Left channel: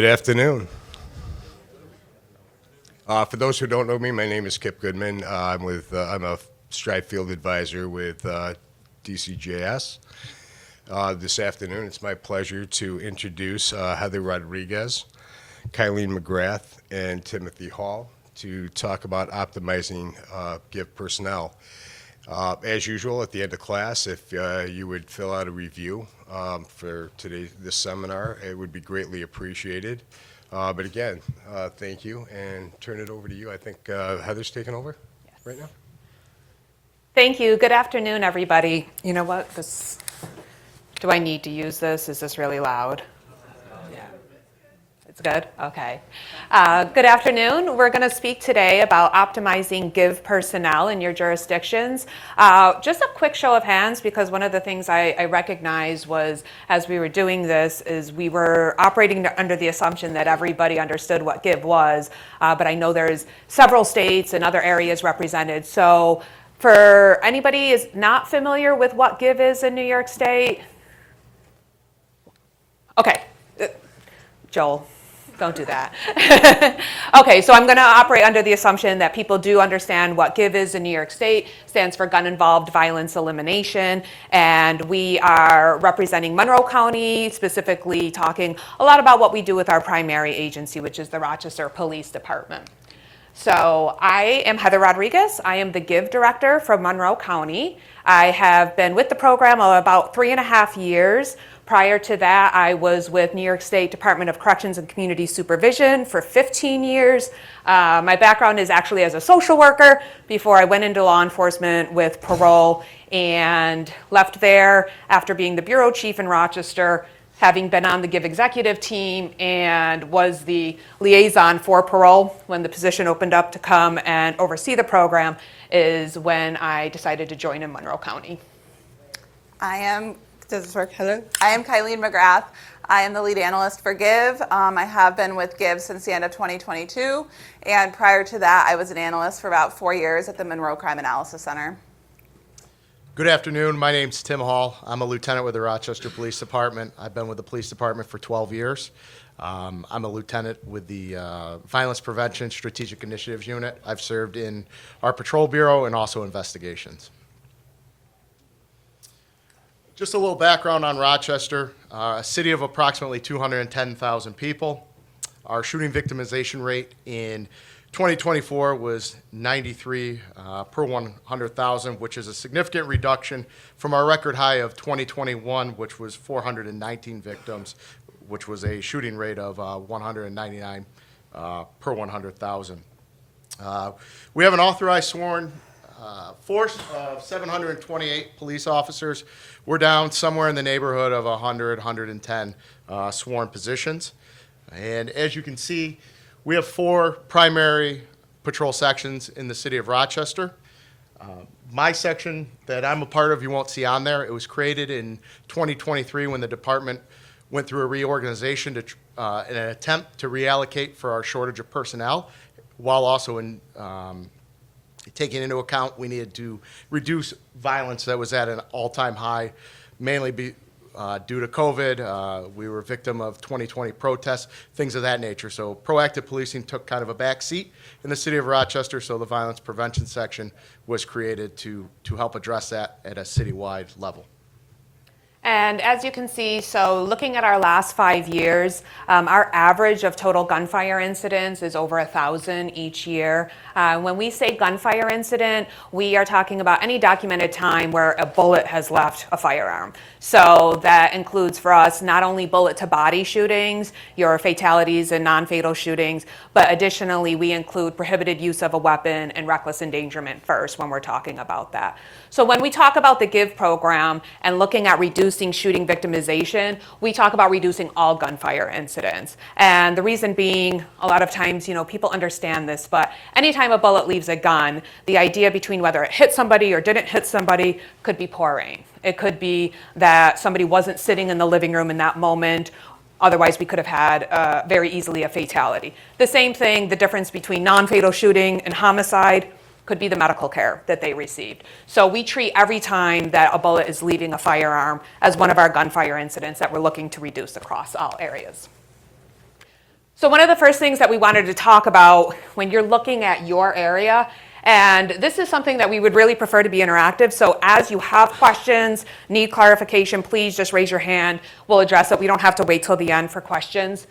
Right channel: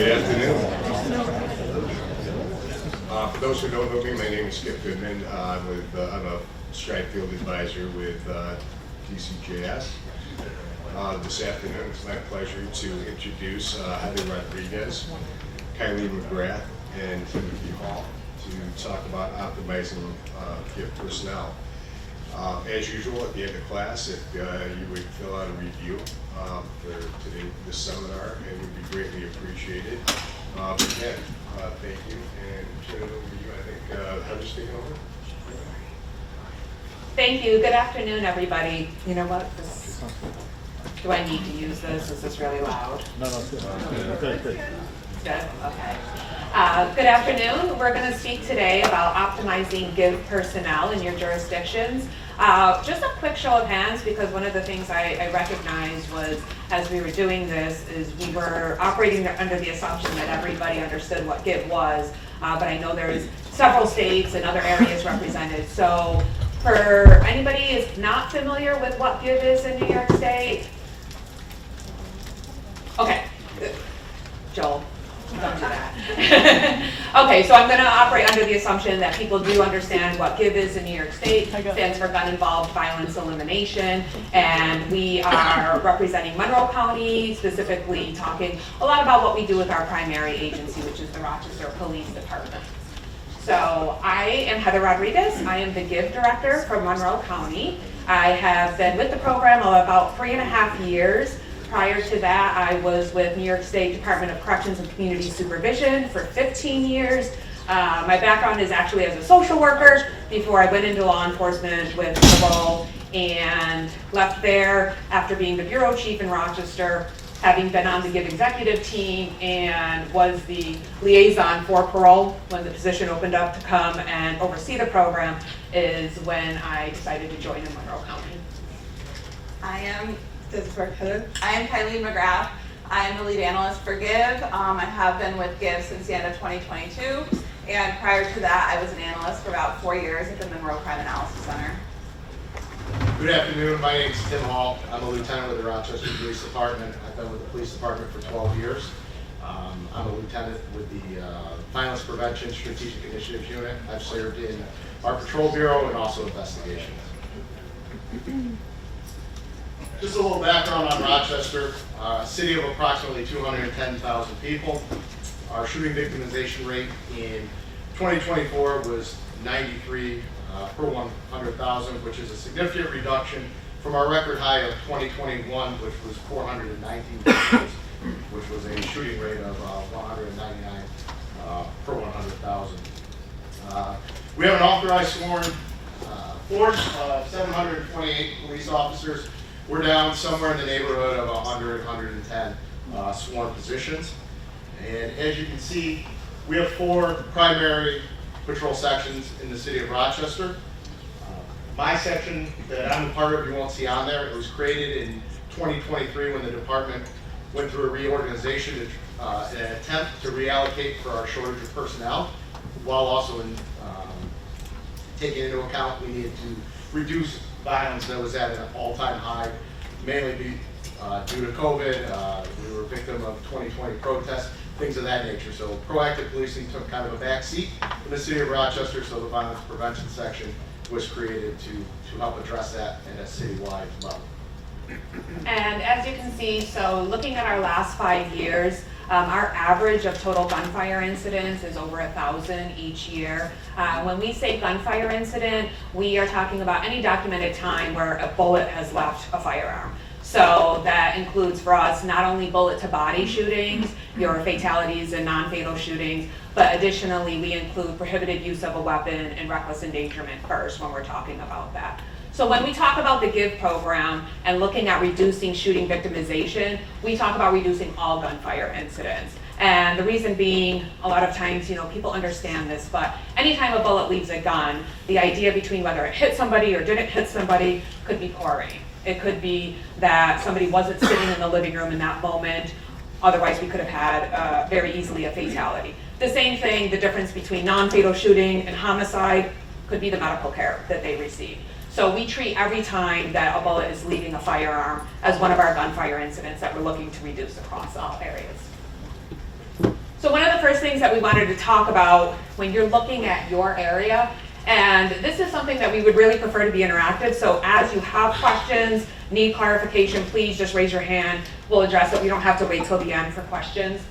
Good afternoon. For those who don't know me, my name is Skip Goodman. I'm a Stride Field Advisor with DCJS. This afternoon, it's my pleasure to introduce Heather Rodriguez, Kylene McGrath, and Timothy Hall to talk about optimizing GIV personnel. As usual, at the end of class, if you would fill out a review for this seminar, it would be greatly appreciated. But again, thank you, and turn it over to you. I think Heather's taking over right now. Thank you. Good afternoon, everybody. You know what? Do I need to use this? Is this really loud? No. Good. Good? Okay. Good afternoon. We're going to speak today about optimizing GIV personnel in your jurisdictions. Just a quick show of hands, because one of the things I recognized was, as we were doing this, is we were operating under the assumption that everybody understood what GIV was, but I know there's several states and other areas represented. So for anybody who is not familiar with what GIV is in New York State, okay, Joel. Don't do that. Okay, so I'm going to operate under the assumption that people do understand what GIV is in New York State. Stands for Gun Involved Violence Elimination, and we are representing Monroe County, specifically talking a lot about what we do with our primary agency, which is the Rochester Police Department. So I am Heather Rodriguez. I am the GIV Director from Monroe County. I have been with the program about 3.5 years. Prior to that, I was with New York State Department of Corrections and Community Supervision for 15 years. My background is actually as a social worker before I went into law enforcement with parole, and left there after being the bureau chief in Rochester, having been on the GIV executive team, and was the liaison for parole when the position opened up to come and oversee the program, is when I decided to join in Monroe County. I am Kylene McGrath. I am the lead analyst for GIV. I have been with GIV since the end of 2022, and prior to that, I was an analyst for about 4 years at the Monroe Crime Analysis Center. Good afternoon. My name is Tim Hall. I'm a lieutenant with the Rochester Police Department. I've been with the police department for 12 years. I'm a lieutenant with the Violence Prevention Strategic Initiatives Unit. I've served in our patrol bureau and also investigations. Just a little background on Rochester, a city of approximately 210,000 people. Our shooting victimization rate in 2024 was 93 per 100,000, which is a significant reduction from our record high of 2021, which was 419 victims, which was a shooting rate of 199 per 100,000. We have an authorized sworn force, 728 police officers. We're down somewhere in the neighborhood of 100, 110 sworn positions. And as you can see, we have 4 primary patrol sections in the city of Rochester. My section that I'm a part of, you won't see on there. It was created in 2023 when the department went through a reorganization in an attempt to reallocate for our shortage of personnel, while also taking into account we needed to reduce violence that was at an all-time high, mainly due to COVID. We were a victim of 2020 protests, things of that nature. So proactive policing took kind of a back seat in the city of Rochester, so the violence prevention section was created to help address that at a citywide level. And as you can see, so looking at our last 5 years, our average of total gunfire incidents is over 1,000 each year. When we say gunfire incident, we are talking about any documented time where a bullet has left a firearm. So that includes for us not only bullet to body shootings, your fatalities and non-fatal shootings, but additionally we include prohibited use of a weapon and reckless endangerment first when we're talking about that. So when we talk about the GIV program and looking at reducing shooting victimization, we talk about reducing all gunfire incidents. And the reason being, a lot of times, people understand this, but anytime a bullet leaves a gun, the idea between whether it hit somebody or didn't hit somebody could be pouring. It could be that somebody wasn't sitting in the living room in that moment. Otherwise, we could have had very easily a fatality. The same thing, the difference between non-fatal shooting and homicide could be the medical care that they received. So we treat every time that a bullet is leaving a firearm as one of our gunfire incidents that we're looking to reduce across all areas. So one of the first things that we wanted to talk about when you're looking at your area, and this is something that we would really prefer to be interactive, so as you have questions, need clarification, please just raise your hand. We'll address it. We don't have to wait till the end for questions.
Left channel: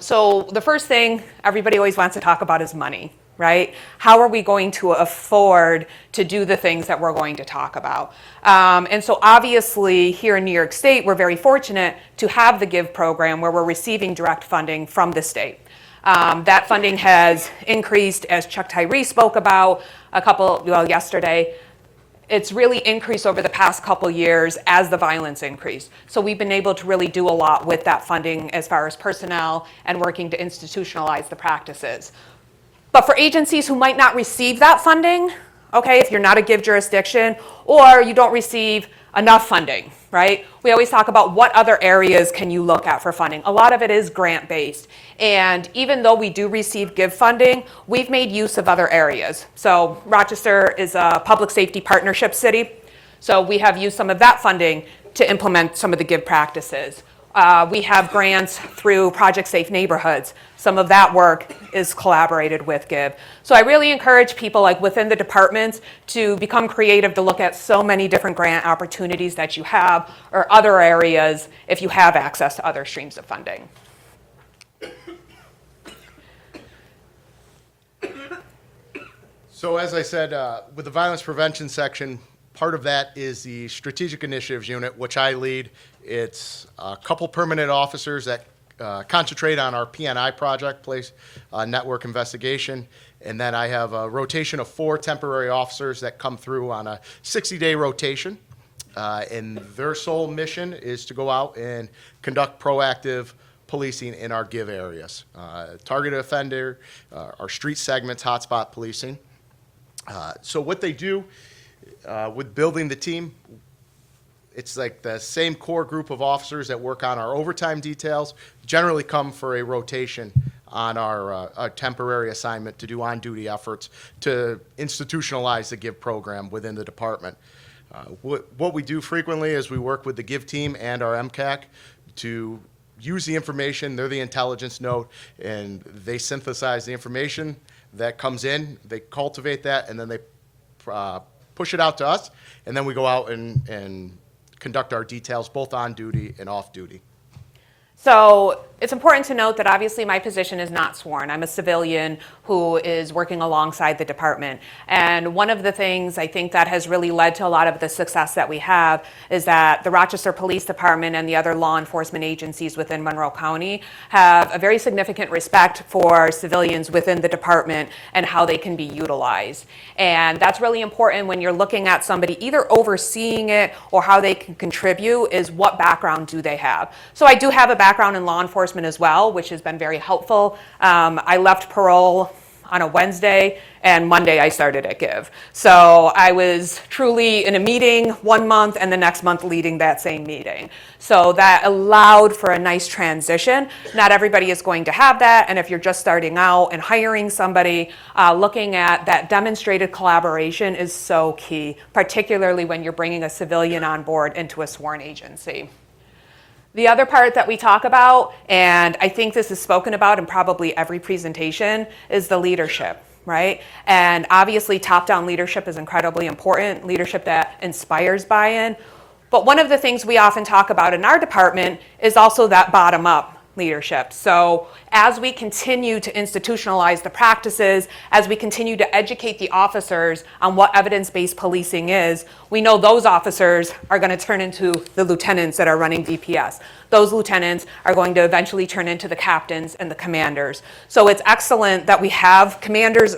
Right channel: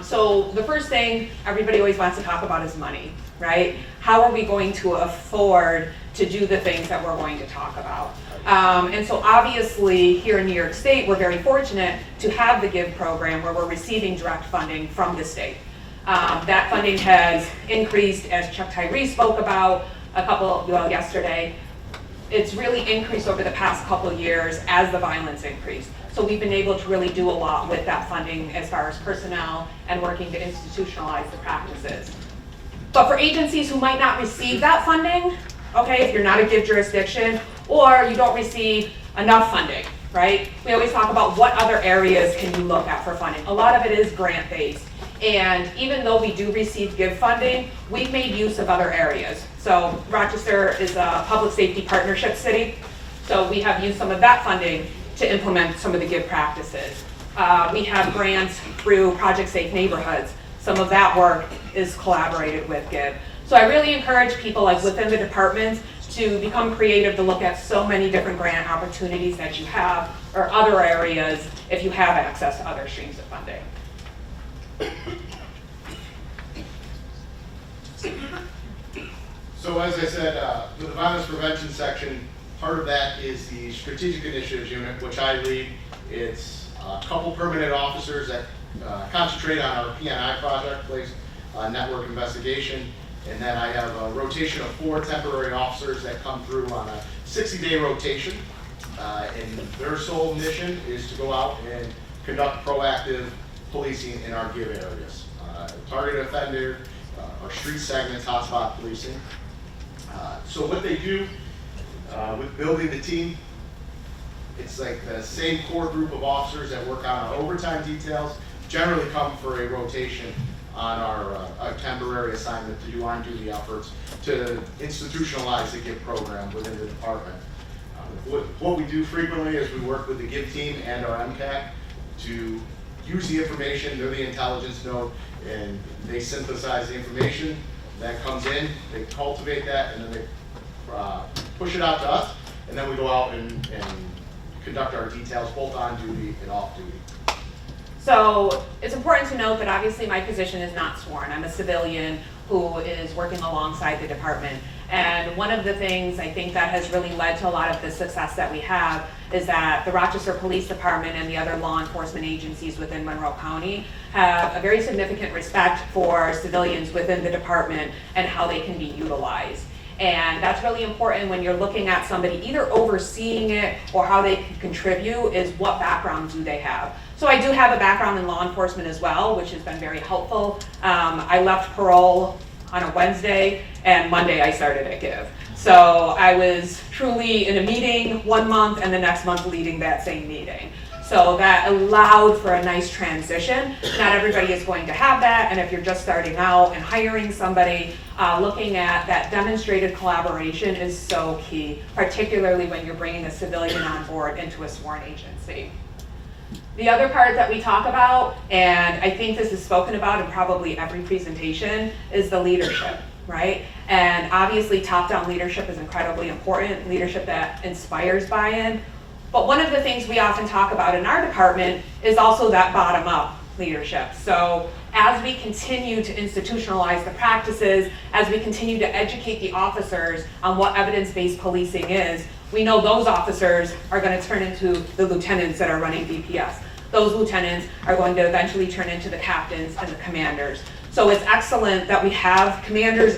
So the first thing everybody always wants to talk about is money, right? How are we going to afford to do the things that we're going to talk about? And so obviously here in New York State, we're very fortunate to have the GIVE program where we're receiving direct funding from the state. That funding has increased, as Chuck Tyree spoke about yesterday. It's really increased over the past couple years as the violence increased. So we've been able to really do a lot with that funding as far as personnel and working to institutionalize the practices. But for agencies who might not receive that funding, okay, if you're not a GIVE jurisdiction or you don't receive enough funding, right? We always talk about what other areas can you look at for funding. A lot of it is grant-based. And even though we do receive GIVE funding, we've made use of other areas. So Rochester is a public safety partnership city. So we have used some of that funding to implement some of the GIVE practices. We have grants through Project Safe Neighborhoods. Some of that work is collaborated with GIVE. So I really encourage people like within the departments to become creative, to look at so many different grant opportunities that you have or other areas if you have access to other streams of funding. So as I said, with the violence prevention section, part of that is the strategic initiatives unit, which I lead. It's a couple permanent officers that concentrate on our PNI project, place network investigation. And then I have a rotation of 4 temporary officers that come through on a 60-day rotation. And their sole mission is to go out and conduct proactive policing in our GIVE areas. Targeted offender, our street segments, hotspot policing. So what they do with building the team, it's like the same core group of officers that work on our overtime details generally come for a rotation on our temporary assignment to do on-duty efforts to institutionalize the GIVE program within the department. What we do frequently is we work with the GIVE team and our MCAC to use the information. They're the intelligence node, and they synthesize the information that comes in, they cultivate that, and then they push it out to us, and then we go out and conduct our details both on duty and off duty. So it's important to note that obviously my position is not sworn. I'm a civilian who is working alongside the department. And one of the things I think that has really led to a lot of the success that we have is that the Rochester Police Department and the other law enforcement agencies within Monroe County have a very significant respect for civilians within the department and how they can be utilized. And that's really important when you're looking at somebody either overseeing it or how they can contribute is what background do they have. So I do have a background in law enforcement as well, which has been very helpful. I left parole on a Wednesday and Monday I started at GIVE. So I was truly in a meeting one month and the next month leading that same meeting. So that allowed for a nice transition. Not everybody is going to have that, and if you're just starting out and hiring somebody, looking at that demonstrated collaboration is so key, particularly when you're bringing a civilian on board into a sworn agency. The other part that we talk about, and I think this is spoken about in probably every presentation, is the leadership, right? And obviously top-down leadership is incredibly important, leadership that inspires buy-in. But one of the things we often talk about in our department is also that bottom-up leadership. So as we continue to institutionalize the practices, as we continue to educate the officers on what evidence-based policing is, we know those officers are going to turn into the lieutenants that are running DPS. Those lieutenants are going to eventually turn into the captains and the commanders. So it's excellent that we have commanders,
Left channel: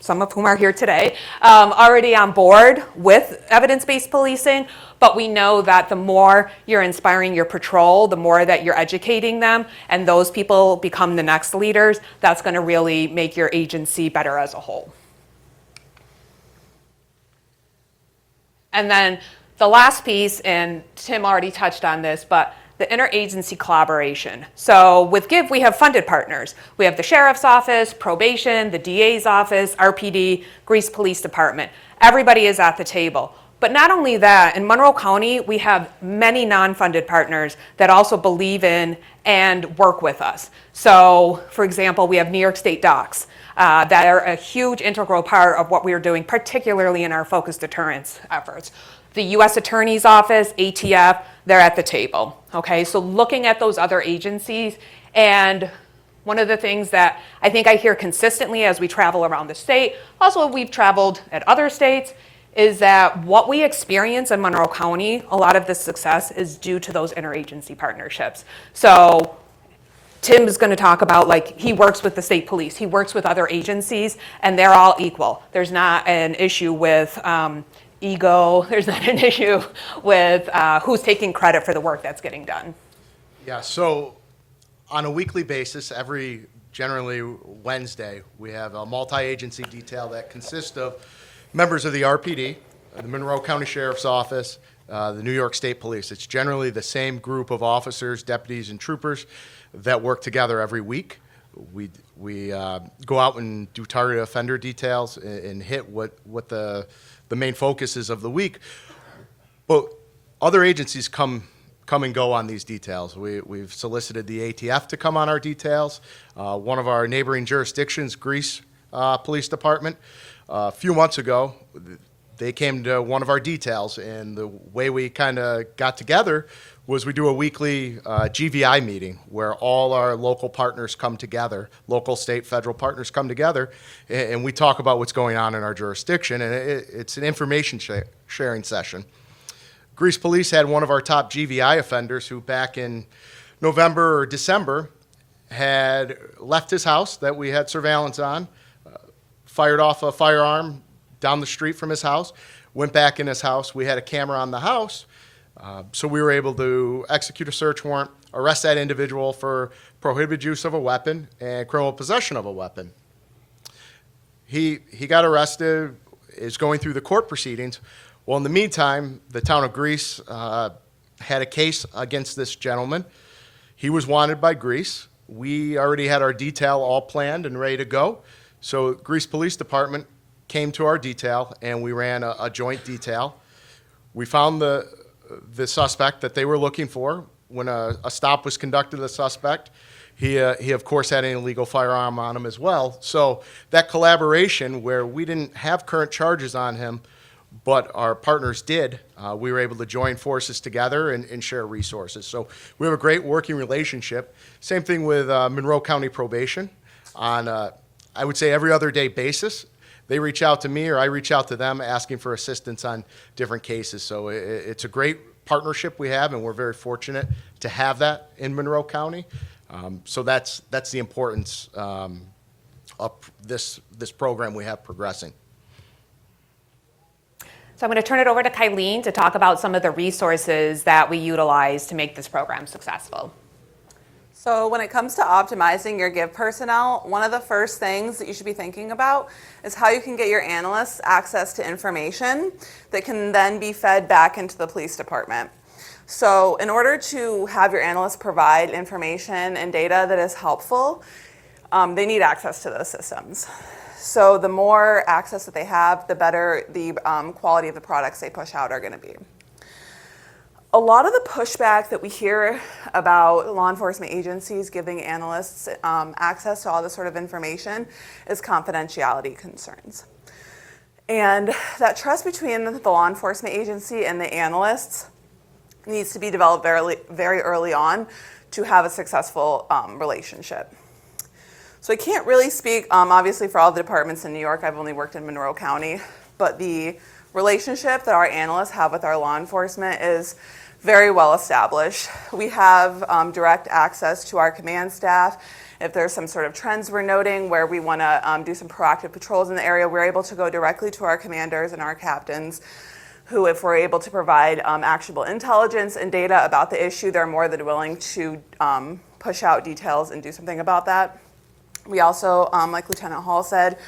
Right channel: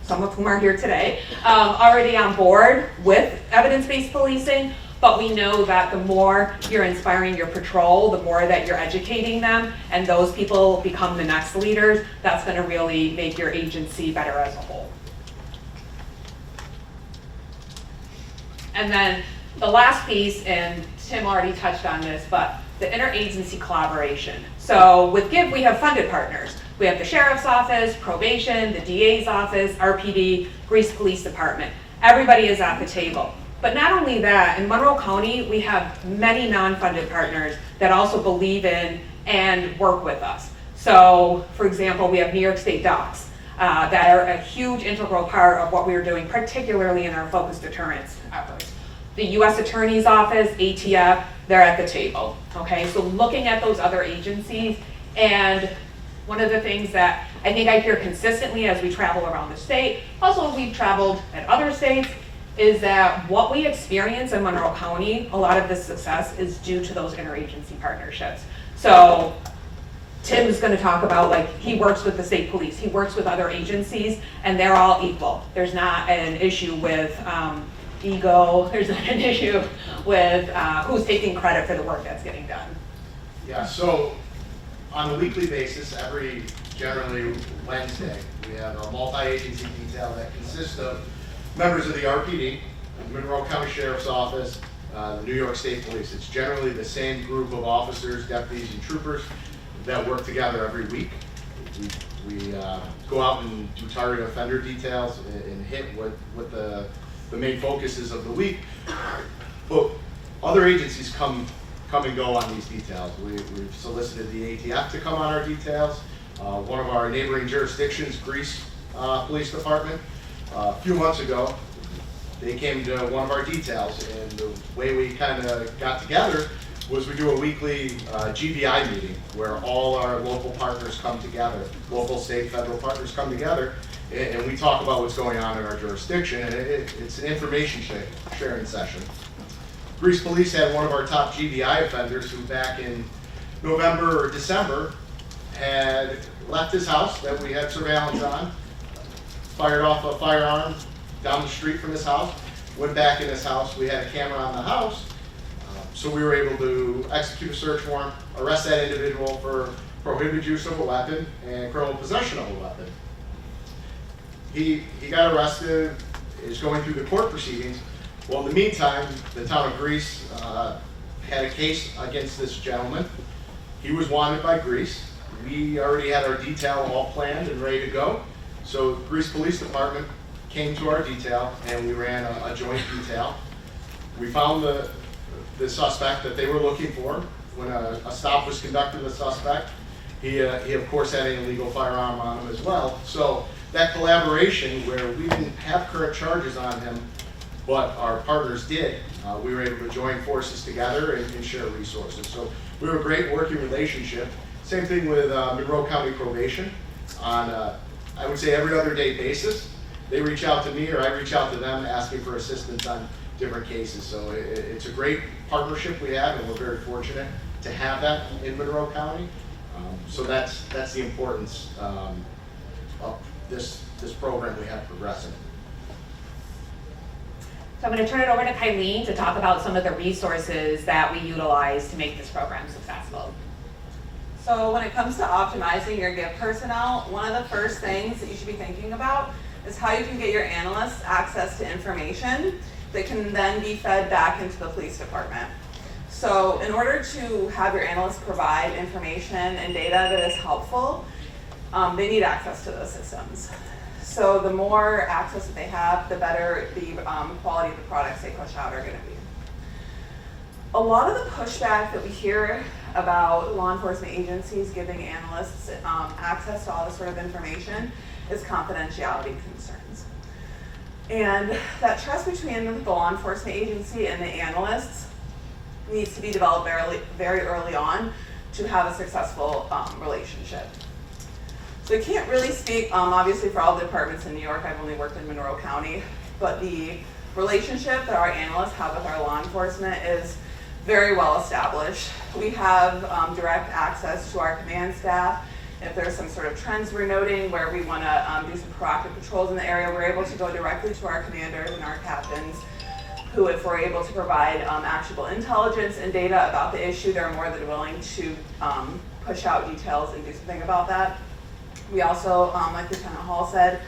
some of whom are here today, already on board with evidence-based policing. But we know that the more you're inspiring your patrol, the more that you're educating them, and those people become the next leaders, that's going to really make your agency better as a whole. And then the last piece, and Tim already touched on this, but the interagency collaboration. So with GIVE, we have funded partners. We have the Sheriff's Office, Probation, the DA's Office, RPD, Greece Police Department. Everybody is at the table. But not only that, in Monroe County, we have many non-funded partners that also believe in and work with us. So, for example, we have New York State docs that are a huge integral part of what we are doing, particularly in our focused deterrence efforts. The U.S. Attorney's Office, ATF, they're at the table, okay? So looking at those other agencies, and one of the things that I think I hear consistently as we travel around the state, also we've traveled at other states, is that what we experience in Monroe County, a lot of the success is due to those interagency partnerships. So Tim's going to talk about, like, he works with the state police, he works with other agencies, and they're all equal. There's not an issue with ego, there's not an issue with who's taking credit for the work that's getting done. Yeah, so on a weekly basis, generally Wednesday, we have a multi-agency detail that consists of members of the RPD, the Monroe County Sheriff's Office, the New York State Police. It's generally the same group of officers, deputies, and troopers that work together every week. We go out and do targeted offender details and hit what the main focus is of the week. But other agencies come and go on these details. We've solicited the ATF to come on our details. One of our neighboring jurisdictions, Greece Police Department, a few months ago, they came to one of our details, and the way we kind of got together was we do a weekly GVI meeting where all our local partners come together, local, state, federal partners come together, and we talk about what's going on in our jurisdiction, and it's an information sharing session. Greece Police had one of our top GVI offenders who back in November or December had left his house that we had surveillance on, fired off a firearm down the street from his house, went back in his house. We had a camera on the house, so we were able to execute a search warrant, arrest that individual for prohibited use of a weapon and criminal possession of a weapon. He got arrested, is going through the court proceedings. Well, in the meantime, the town of Greece had a case against this gentleman. He was wanted by Greece. We already had our detail all planned and ready to go. So Greece Police Department came to our detail, and we ran a joint detail. We found the suspect that they were looking for. When a stop was conducted of the suspect, he of course had an illegal firearm on him as well. So that collaboration, where we didn't have current charges on him, but our partners did, we were able to join forces together and share resources. So we have a great working relationship. Same thing with Monroe County Probation. On I would say every other day basis, they reach out to me or I reach out to them asking for assistance on different cases. So it's a great partnership we have, and we're very fortunate to have that in Monroe County. So that's the importance of this program we have progressing. So I'm going to turn it over to Kylene to talk about some of the resources that we utilize to make this program successful. So when it comes to optimizing your GIVE personnel, one of the first things that you should be thinking about is how you can get your analysts access to information that can then be fed back into the police department. So in order to have your analysts provide information and data that is helpful, they need access to those systems. So the more access that they have, the better the quality of the products they push out are going to be. A lot of the pushback that we hear about law enforcement agencies giving analysts access to all this sort of information is confidentiality concerns. And that trust between the law enforcement agency and the analysts needs to be developed very early on to have a successful relationship. So I can't really speak, obviously, for all the departments in New York. I've only worked in Monroe County, but the relationship that our analysts have with our law enforcement is very well established. We have direct access to our command staff. If there's some sort of trends we're noting where we want to do some proactive patrols in the area, we're able to go directly to our commanders and our captains, who, if we're able to provide actionable intelligence and data about the issue, they're more than willing to push out details and do something about that. We also, like Lieutenant Hall said,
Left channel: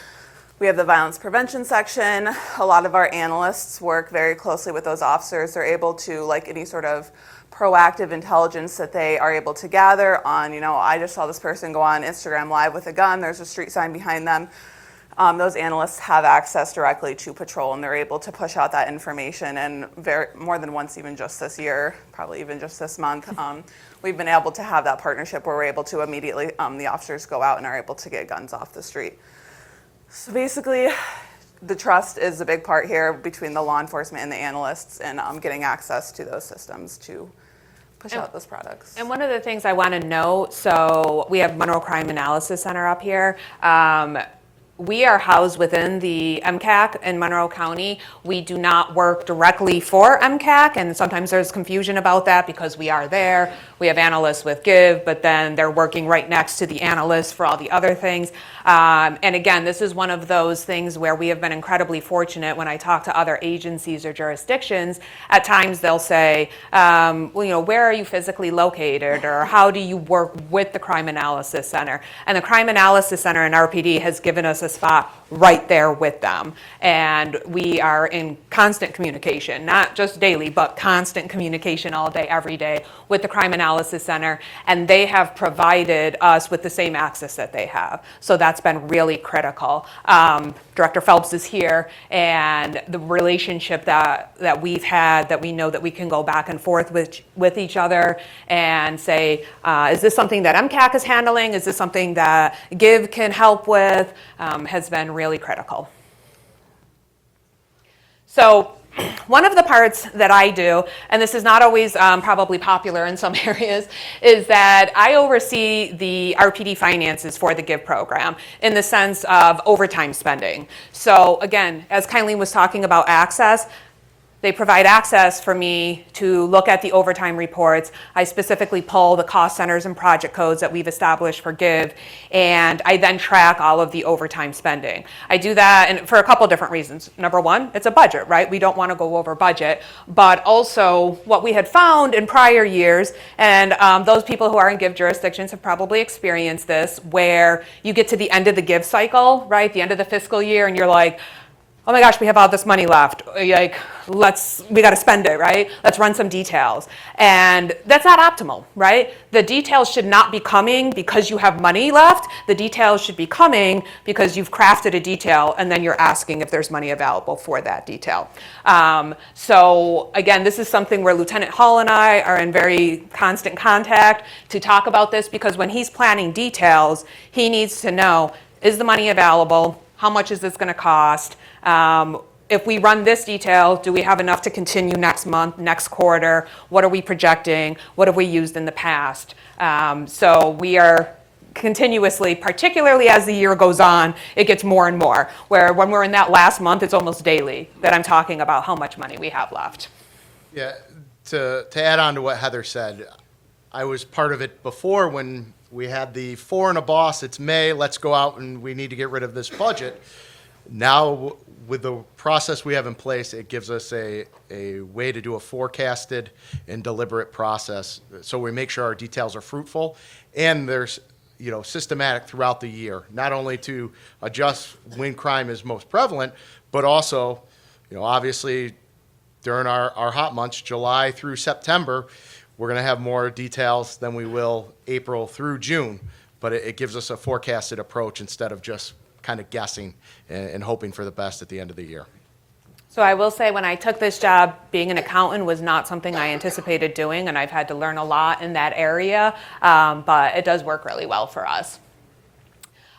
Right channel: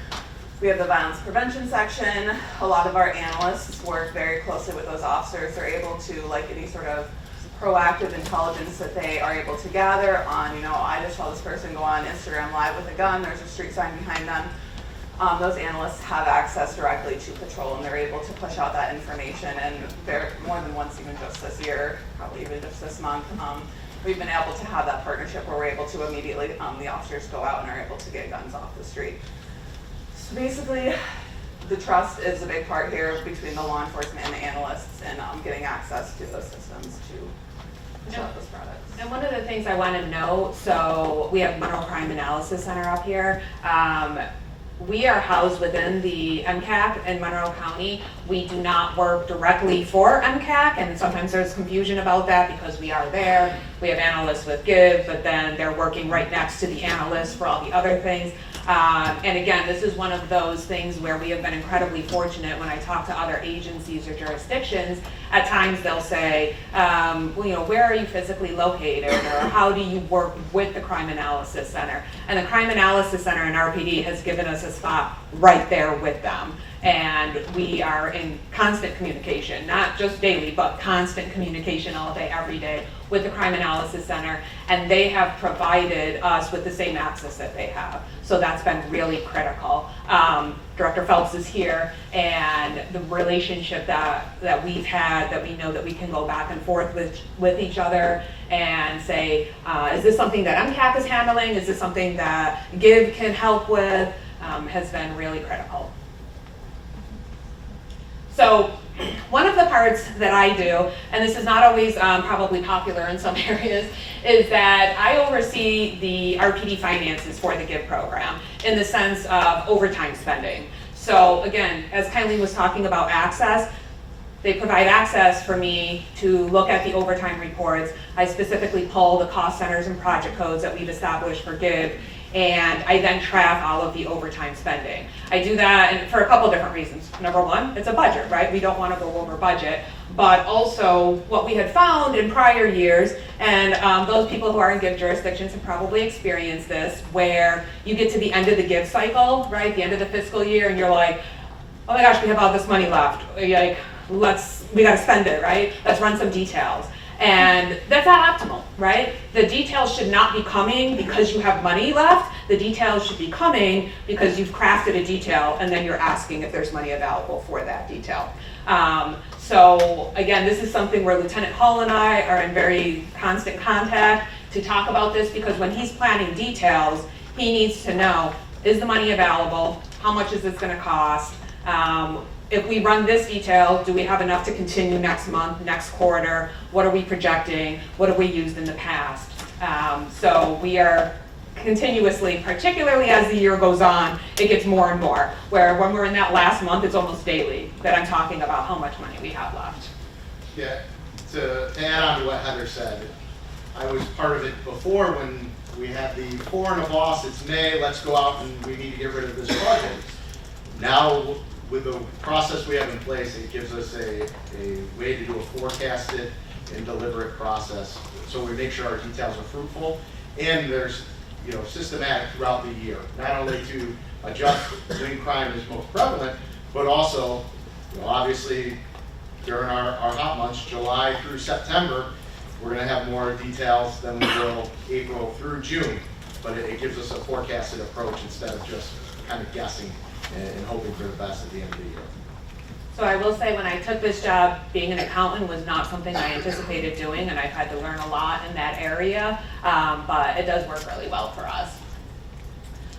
we have the violence prevention section. A lot of our analysts work very closely with those officers. They're able to, like any sort of proactive intelligence that they are able to gather on, I just saw this person go on Instagram Live with a gun, there's a street sign behind them. Those analysts have access directly to patrol, and they're able to push out that information. And more than once, even just this year, probably even just this month, we've been able to have that partnership where we're able to immediately, the officers go out and are able to get guns off the street. So basically, the trust is a big part here between the law enforcement and the analysts, and getting access to those systems to push out those products. And one of the things I want to note, so we have Monroe Crime Analysis Center up here. We are housed within the MCAC in Monroe County. We do not work directly for MCAC, and sometimes there's confusion about that because we are there. We have analysts with GIV, but then they're working right next to the analysts for all the other things. And again, this is one of those things where we have been incredibly fortunate. When I talk to other agencies or jurisdictions, at times they'll say, well, you know, where are you physically located, or how do you work with the Crime Analysis Center? And the Crime Analysis Center in RPD has given us a spot right there with them. And we are in constant communication, not just daily, but constant communication all day, every day with the Crime Analysis Center, and they have provided us with the same access that they have. So that's been really critical. Director Phelps is here, and the relationship that we've had, that we know that we can go back and forth with each other and say, is this something that MCAC is handling? Is this something that GIV can help with? Has been really critical. So one of the parts that I do, and this is not always probably popular in some areas, is that I oversee the RPD finances for the GIV program in the sense of overtime spending. So again, as Kylene was talking about access, they provide access for me to look at the overtime reports. I specifically pull the cost centers and project codes that we've established for GIV, and I then track all of the overtime spending. I do that and for a couple different reasons. Number one, it's a budget, right? We don't want to go over budget, but also what we had found in prior years, and those people who are in GIV jurisdictions have probably experienced this, where you get to the end of the GIV cycle, right? The end of the fiscal year, and you're like, oh my gosh, we have all this money left. Like, we got to spend it, right? Let's run some details. And that's not optimal, right? The details should not be coming because you have money left. The details should be coming because you've crafted a detail and then you're asking if there's money available for that detail. So again, this is something where Lieutenant Hall and I are in very constant contact to talk about this, because when he's planning details, he needs to know, is the money available? How much is this going to cost? If we run this detail, do we have enough to continue next month, next quarter? What are we projecting? What have we used in the past? So we are continuously, particularly as the year goes on, it gets more and more, where when we're in that last month, it's almost daily that I'm talking about how much money we have left. Yeah, to add on to what Heather said, I was part of it before when we had the 4 and a boss, it's May, let's go out and we need to get rid of this budget. Now, with the process we have in place, it gives us a way to do a forecasted and deliberate process. So we make sure our details are fruitful and there's, you know, systematic throughout the year, not only to adjust when crime is most prevalent, but also, you know, obviously during our hot months, July through September, we're going to have more details than we will April through June. But it gives us a forecasted approach instead of just kind of guessing and hoping for the best at the end of the year. So I will say, when I took this job, being an accountant was not something I anticipated doing, and I've had to learn a lot in that area, but it does work really well for us.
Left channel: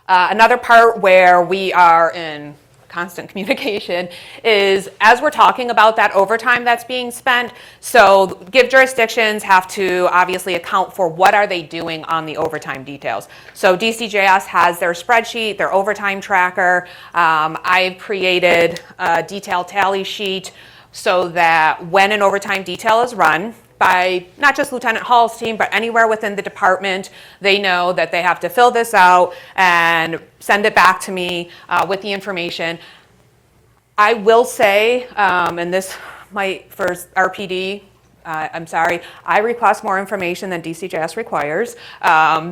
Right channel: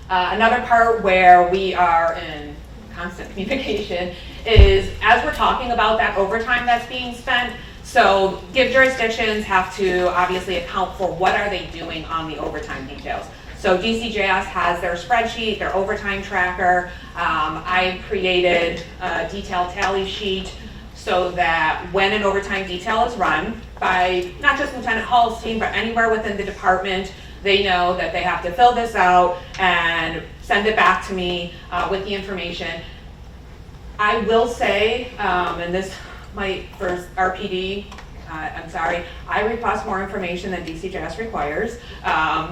Another part where we are in constant communication is as we're talking about that overtime that's being spent. So GIV jurisdictions have to obviously account for what are they doing on the overtime details. So DCJS has their spreadsheet, their overtime tracker. I've created a detailed tally sheet so that when an overtime detail is run by not just Lieutenant Hall's team, but anywhere within the department, they know that they have to fill this out and send it back to me with the information. I will say, and this might for RPD, I'm sorry, I request more information than DCJS requires.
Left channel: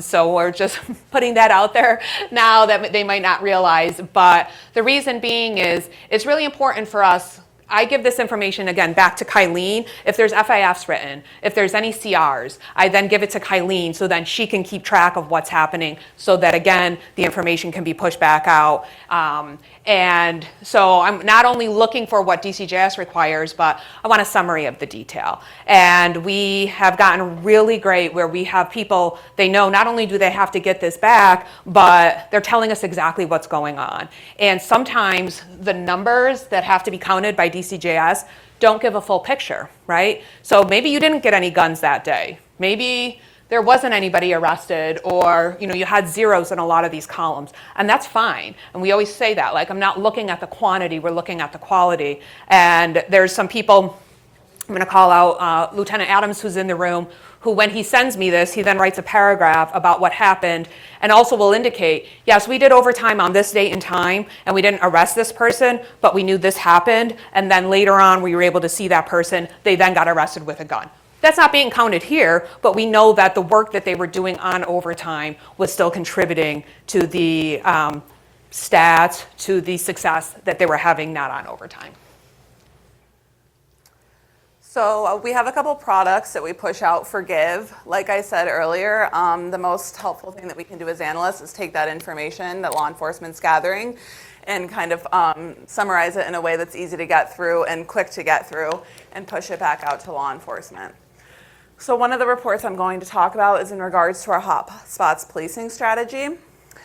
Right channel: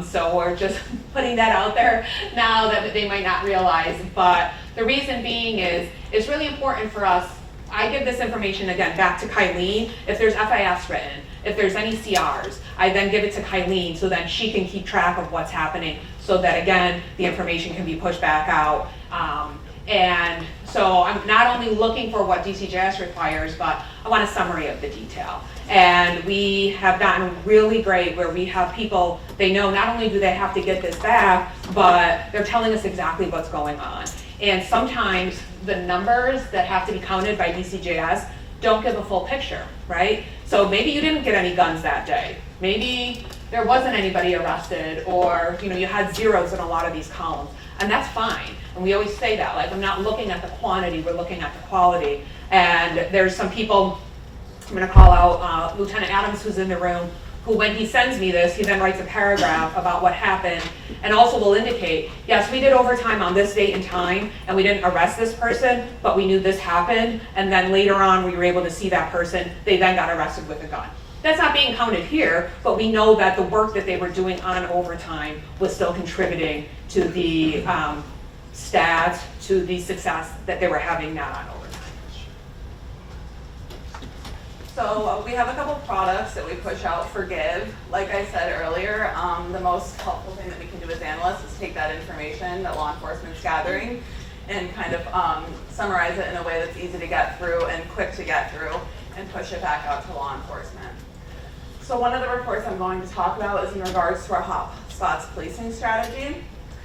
So we're just putting that out there now that they might not realize. But the reason being is it's really important for us. I give this information, again, back to Kylene. If there's FIFs written, if there's any CRs, I then give it to Kylene so then she can keep track of what's happening so that, again, the information can be pushed back out. And so I'm not only looking for what DCJS requires, but I want a summary of the detail. And we have gotten really great where we have people, they know not only do they have to get this back, but they're telling us exactly what's going on. And sometimes the numbers that have to be counted by DCJS don't give a full picture, right? So maybe you didn't get any guns that day. Maybe there wasn't anybody arrested, or you had zeros in a lot of these columns, and that's fine. And we always say that, like, I'm not looking at the quantity, we're looking at the quality. And there's some people, I'm going to call out Lieutenant Adams, who's in the room, who when he sends me this, he then writes a paragraph about what happened, and also will indicate, yes, we did overtime on this date and time, and we didn't arrest this person, but we knew this happened, and then later on we were able to see that person, they then got arrested with a gun. That's not being counted here, but we know that the work that they were doing on overtime was still contributing to the stats, to the success that they were having not on overtime. So we have a couple products that we push out for Give. Like I said earlier, the most helpful thing that we can do as analysts is take that information that law enforcement's gathering and kind of summarize it in a way that's easy to get through and quick to get through and push it back out to law enforcement. So one of the reports I'm going to talk about is in regards to our hot spots policing strategy.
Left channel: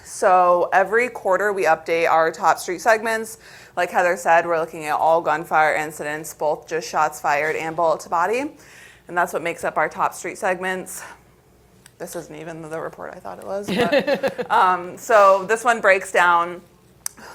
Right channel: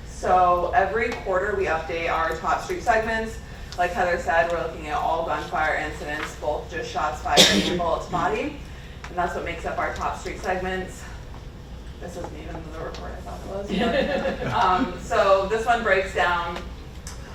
So every quarter we update our top street segments. Like Heather said, we're looking at all gunfire incidents, both just shots fired and bullet to body. And that's what makes up our top street segments. This isn't even the report I thought it was. But, so this one breaks down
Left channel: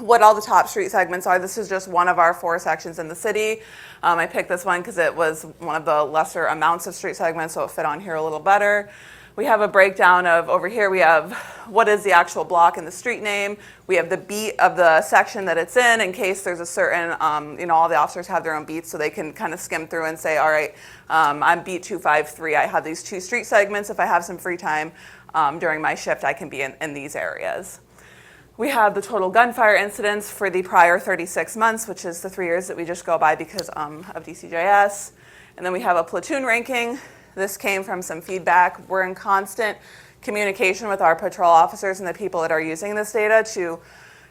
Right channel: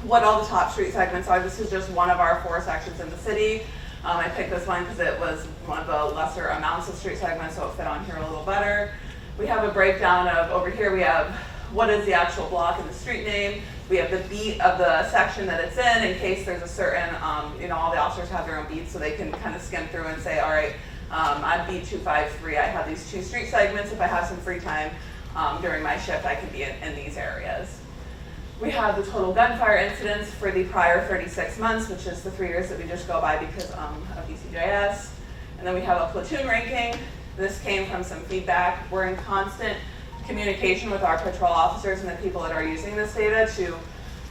what all the top street segments are. This is just one of our 4 sections in the city. I picked this one because it was one of the lesser amounts of street segments, so it fit on here a little better. We have a breakdown of, over here we have what is the actual block and the street name. We have the beat of the section that it's in case there's a certain, all the officers have their own beats, so they can kind of skim through and say, all right, I'm beat 253. I have these 2 street segments. If I have some free time during my shift, I can be in these areas. We have the total gunfire incidents for the prior 36 months, which is the 3 years that we just go by because of DCJS. And then we have a platoon ranking. This came from some feedback. We're in constant communication with our patrol officers and the people that are using this data to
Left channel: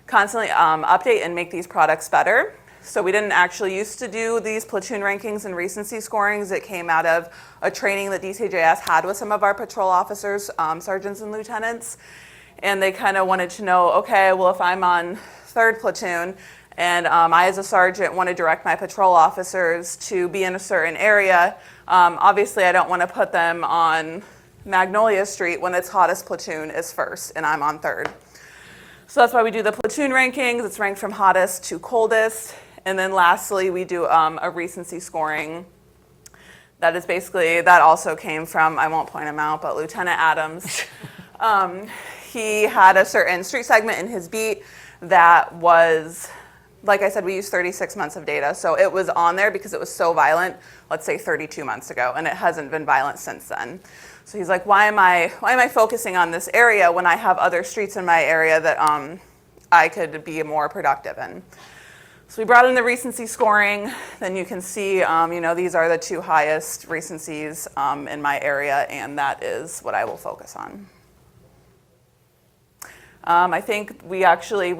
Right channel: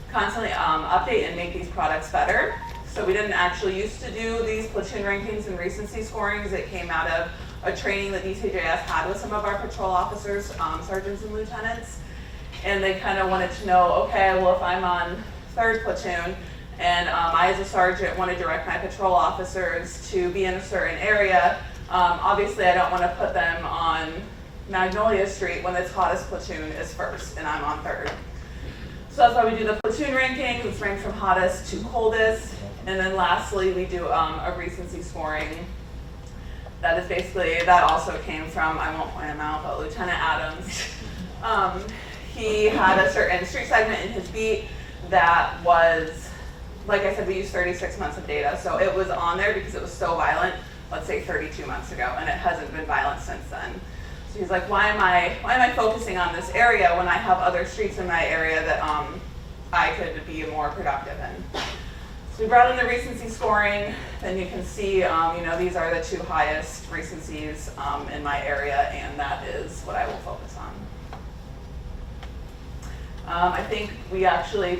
constantly update and make these products better. So we didn't actually used to do these platoon rankings and recency scorings. It came out of a training that DCJS had with some of our patrol officers, sergeants and lieutenants. And they kind of wanted to know, okay, well, if I'm on 3rd platoon and I as a sergeant want to direct my patrol officers to be in a certain area, obviously I don't want to put them on Magnolia Street when its hottest platoon is 1st and I'm on 3rd. So that's why we do the platoon rankings. It's ranked from hottest to coldest. And then lastly, we do a recency scoring. That is basically, that also came from, I won't point him out, but Lieutenant Adams. He had a certain street segment in his beat that was, like I said, we used 36 months of data. So it was on there because it was so violent, let's say 32 months ago, and it hasn't been violent since then. So he's like, why am I focusing on this area when I have other streets in my area that I could be more productive in? So we brought in the recency scoring. Then you can see, these are the 2 highest recencies in my area, and that is what I will focus on. I think we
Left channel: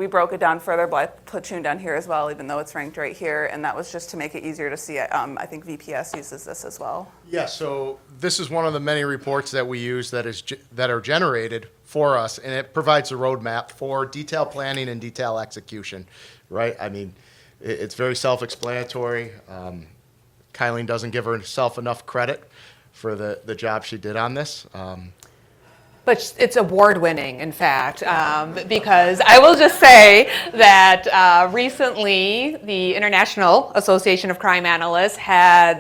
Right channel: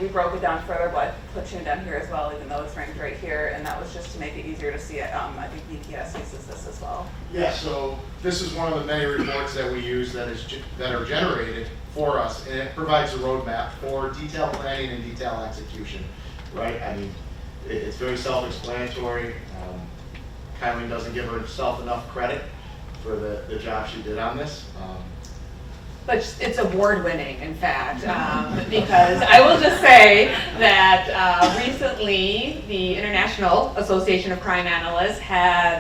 broke it down further, but I platoon down here as well, even though it's ranked right here, and that was just to make it easier to see it. I think VPS uses this as well. Yeah, so this is one of the many reports that we use that are generated for us, and it provides a roadmap for detail planning and detail execution, right? I mean, it's very self-explanatory. Kylene doesn't give herself enough credit for the job she did on this. But it's award-winning, in fact, because I will just say that recently the International Association of Crime Analysts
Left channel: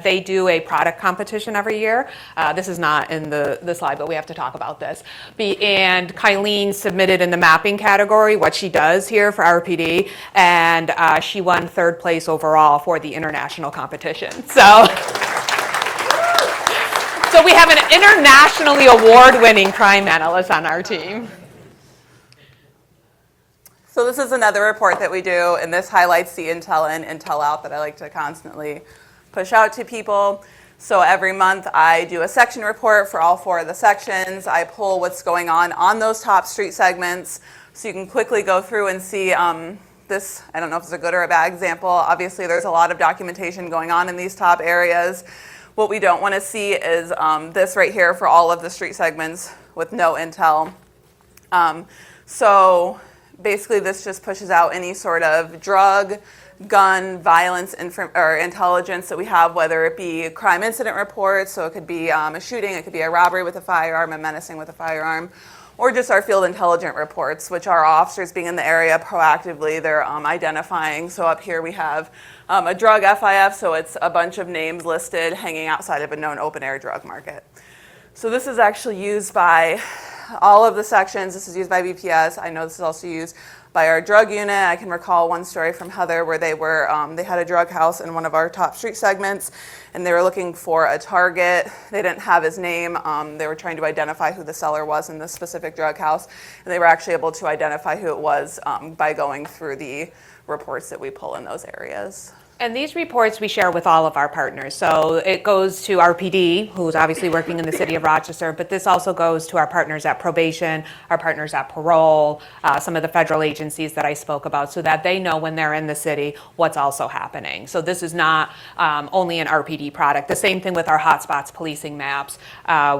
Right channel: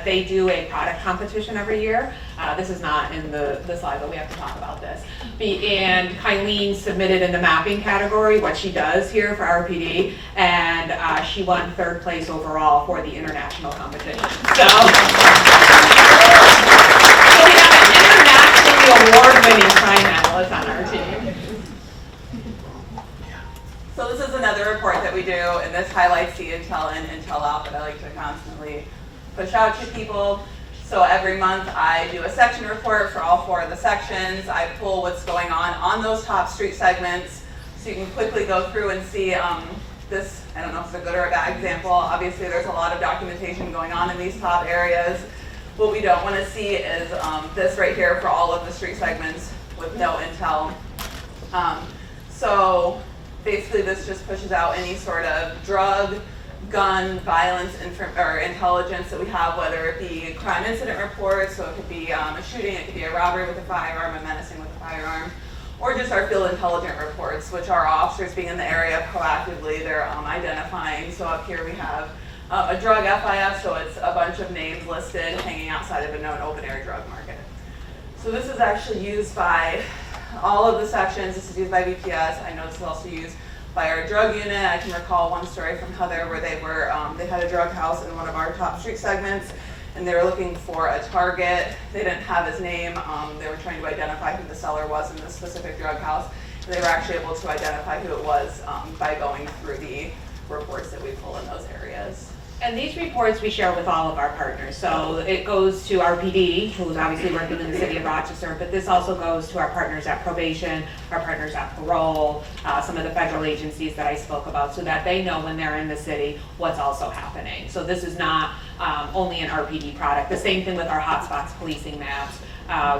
they do a product competition every year. This is not in the slide, but we have to talk about this. And Kylene submitted in the mapping category what she does here for RPD, and she won 3rd place overall for the international competition. So we have an internationally award-winning crime analyst on our team. So this is another report that we do, and this highlights the intel in, intel out that I like to constantly push out to people. So every month I do a section report for all 4 of the sections. I pull what's going on those top street segments, so you can quickly go through and see the this, I don't know if it's a good or a bad example. Obviously, there's a lot of documentation going on in these top areas. What we don't want to see is this right here for all of the street segments with no intel. So basically, this just pushes out any sort of drug, gun, violence, or intelligence that we have, whether it be crime incident reports, so it could be a shooting, it could be a robbery with a firearm, a menacing with a firearm, or just our field intelligence reports, which are officers being in the area proactively, they're identifying. So up here we have a drug FIF, so it's a bunch of names listed hanging outside of a known open-air drug market. So this is actually used by all of the sections. This is used by BPS. I know this is also used by our drug unit. I can recall one story from Heather where they had a drug house in one of our top street segments, and they were looking for a target. They didn't have his name. They were trying to identify who the seller was in this specific drug house, and they were actually able to identify who it was by going through the reports that we pull in those areas. And these reports we share with all of our partners. So it goes to our PD, who's obviously working in the city of Rochester, but this also goes to our partners at probation, our partners at parole, some of the federal agencies that I spoke about, so that they know when they're in the city what's also happening. So this is not only an RPD product. The same thing with our hotspots policing maps.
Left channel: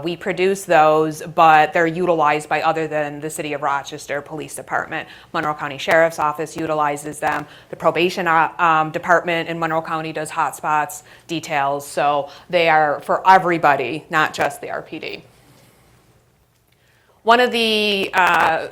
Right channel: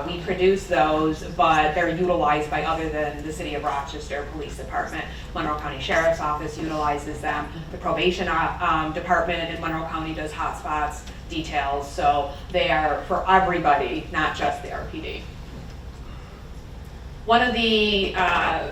We produce those, but they're utilized by other than the City of Rochester Police Department. Monroe County Sheriff's Office utilizes them. The probation department in Monroe County does hotspots details, so they are for everybody, not just the RPD. One of the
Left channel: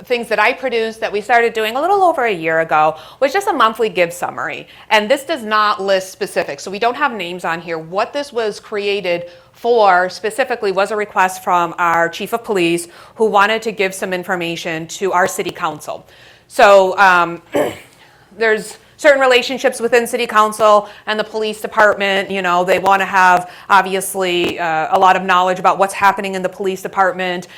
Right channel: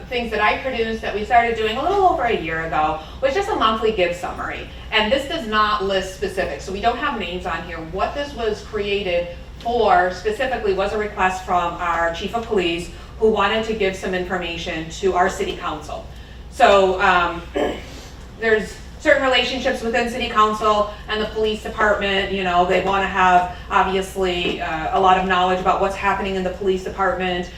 things that I produced that we started doing a little over a year ago was just a monthly give summary. And this does not list specifics, so we don't have names on here. What this was created for specifically was a request from our chief of police who wanted to give some information to our city council. So there's certain relationships within city council and the police department. You know, they want to have obviously a lot of knowledge about what's happening in the police department.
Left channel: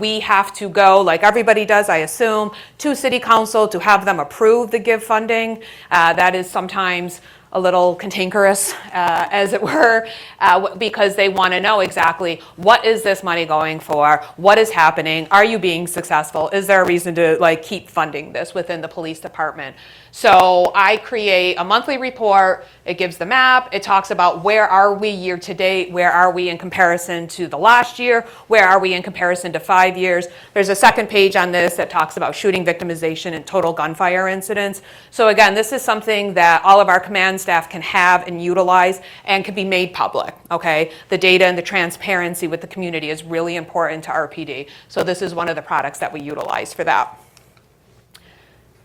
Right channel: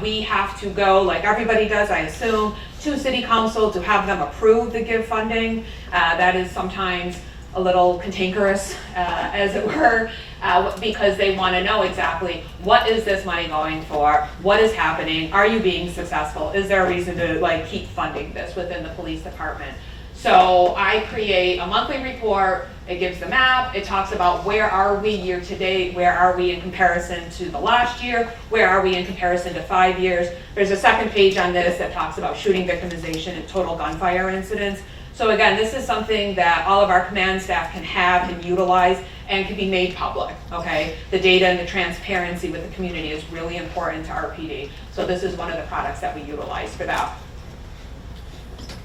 We have to go, like everybody does, I assume, to city council to have them approve the give funding. That is sometimes a little cantankerous, as it were, because they want to know exactly what is this money going for, what is happening, are you being successful, is there a reason to keep funding this within the police department. So I create a monthly report. It gives the map. It talks about where are we year to date, where are we in comparison to the last year, where are we in comparison to 5 years. There's a second page on this that talks about shooting victimization and total gunfire incidents. So again, this is something that all of our command staff can have and utilize and can be made public, okay? The data and the transparency with the community is really important to RPD. So this is one of the products that we utilize for that.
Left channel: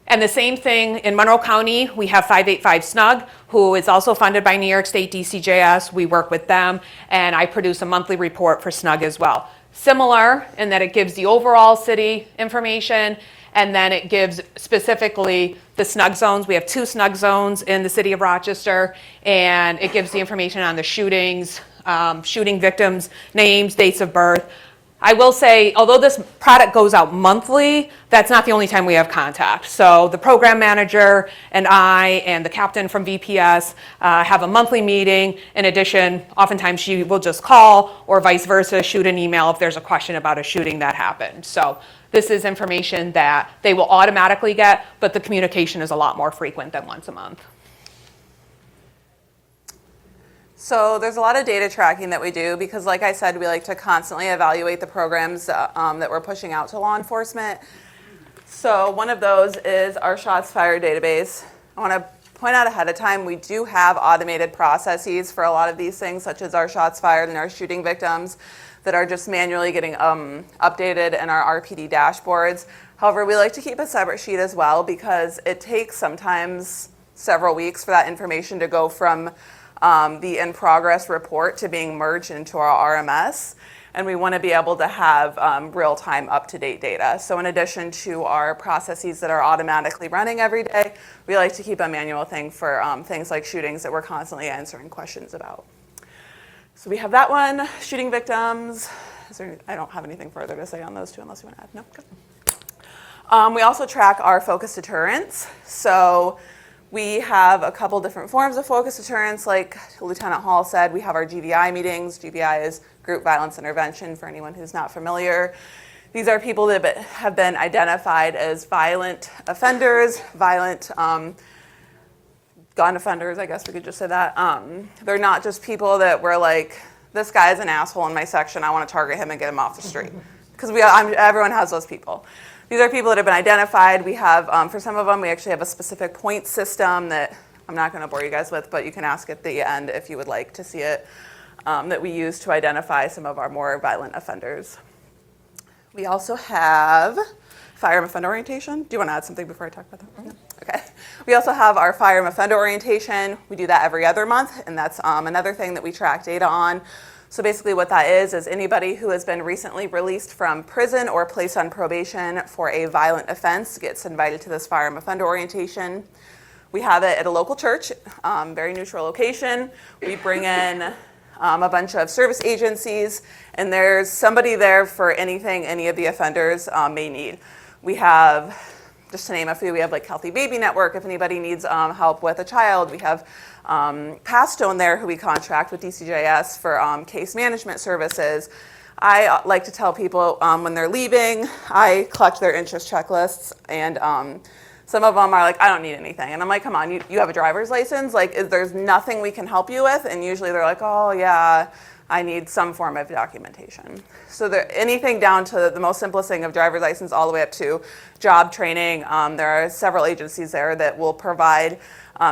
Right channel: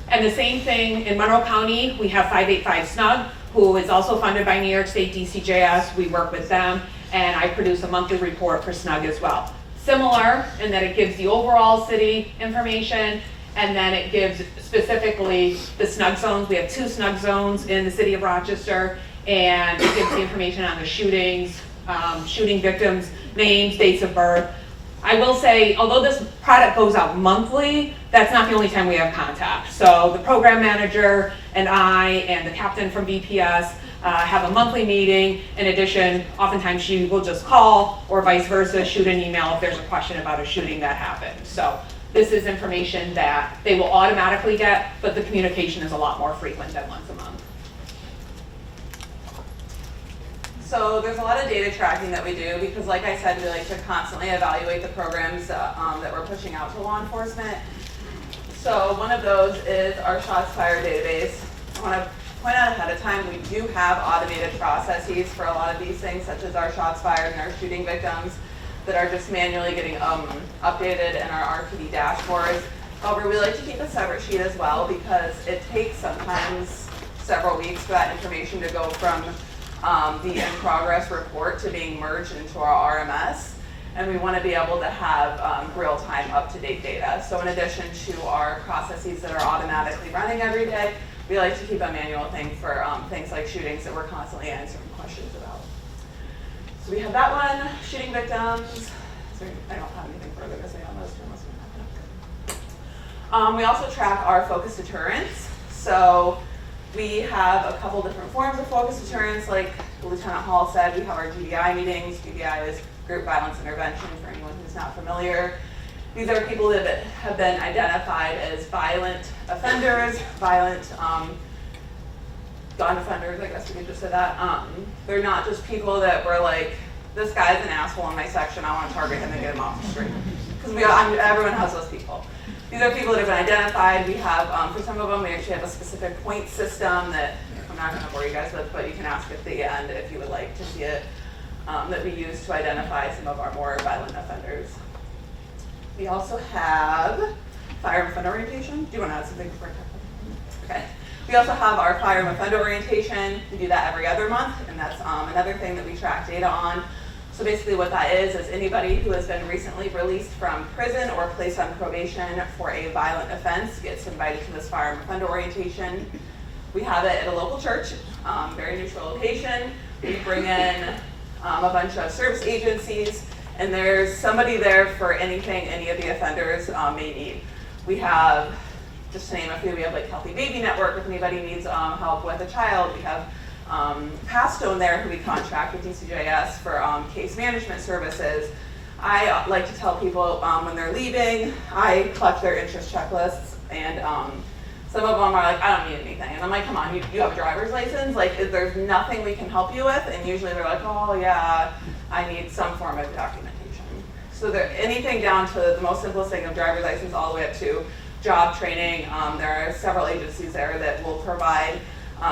And the same thing in Monroe County, we have 585 SNUG, who is also funded by New York State DCJS. We work with them, and I produce a monthly report for SNUG as well. Similar in that it gives the overall city information, and then it gives specifically the SNUG zones. We have 2 SNUG zones in the city of Rochester, and it gives the information on the shootings, shooting victims, names, dates of birth. I will say, although this product goes out monthly, that's not the only time we have contact. So the program manager and I and the captain from VPS have a monthly meeting. In addition, oftentimes she will just call or vice versa, shoot an email if there's a question about a shooting that happened. So this is information that they will automatically get, but the communication is a lot more frequent than once a month. So there's a lot of data tracking that we do because, like I said, we like to constantly evaluate the programs that we're pushing out to law enforcement. So one of those is our shots fired database. I want to point out ahead of time, we do have automated processes for a lot of these things, such as our shots fired and our shooting victims that are just manually getting updated in our RPD dashboards. However, we like to keep a separate sheet as well because it takes sometimes several weeks for that information to go from the in-progress report to being merged into our RMS, and we want to be able to have real-time, up-to-date data. So in addition to our processes that are automatically running every day, we like to keep a manual thing for things like shootings that we're constantly answering questions about. So we have that one, shooting victims. I don't have anything further to say on those two unless you want to add. No? Good. We also track our focus deterrence. So we have a couple different forms of focus deterrence. Like Lieutenant Hall said, we have our GVI meetings. GVI is Group Violence Intervention for anyone who's not familiar. These are people that have been identified as violent offenders, violent gun offenders, I guess we could just say that. They're not just people that were like, this guy's an asshole in my section, I want to target him and get him off the street. Because everyone has those people. These are people that have been identified. We have, for some of them, we actually have a specific point system that I'm not going to bore you guys with, but you can ask at the end if you would like to see it, that we use to identify some of our more violent offenders. We also have firearm offender orientation. Do you want to add something before I talk about that? Okay. We also have our firearm offender orientation. We do that every other month, and that's another thing that we track data on. So basically what that is anybody who has been recently released from prison or placed on probation for a violent offense gets invited to this firearm offender orientation. We have it at a local church, very neutral location. We bring in a bunch of service agencies, and there's somebody there for anything any of the offenders may need. We have, just to name a few, we have like Healthy Baby Network if anybody needs help with a child. We have Pastone there who we contract with DCJS for case management services. I like to tell people when they're leaving, I collect their interest checklists, and some of them are like, I don't need anything. And I'm like, come on, you have a driver's license? Like, there's nothing we can help you with? And usually they're like, oh yeah, I need some form of documentation. So anything down to the most simplest thing of driver's license all the way up to job training. There are several agencies there that will provide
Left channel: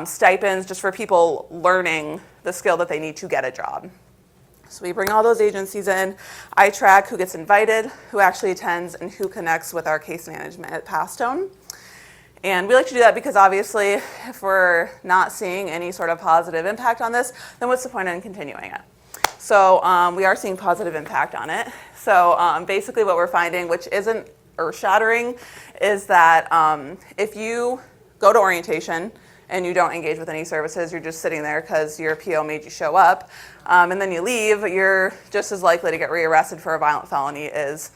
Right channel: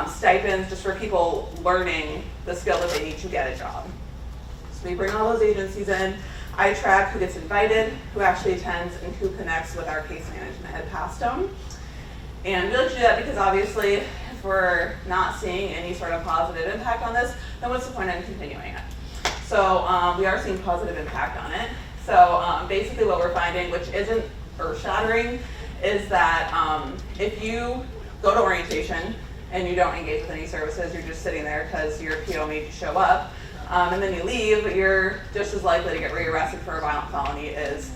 stipends just for people learning the skill that they need to get a job. So we bring all those agencies in. I track who gets invited, who actually attends, and who connects with our case management at Pastone. And we like to do that because obviously if we're not seeing any sort of positive impact on this, then what's the point in continuing it? So we are seeing positive impact on it. So basically what we're finding, which isn't earth-shattering, is that if you go to orientation and you don't engage with any services, you're just sitting there because your PO made you show up, and then you leave, you're just as likely to get rearrested for a violent felony as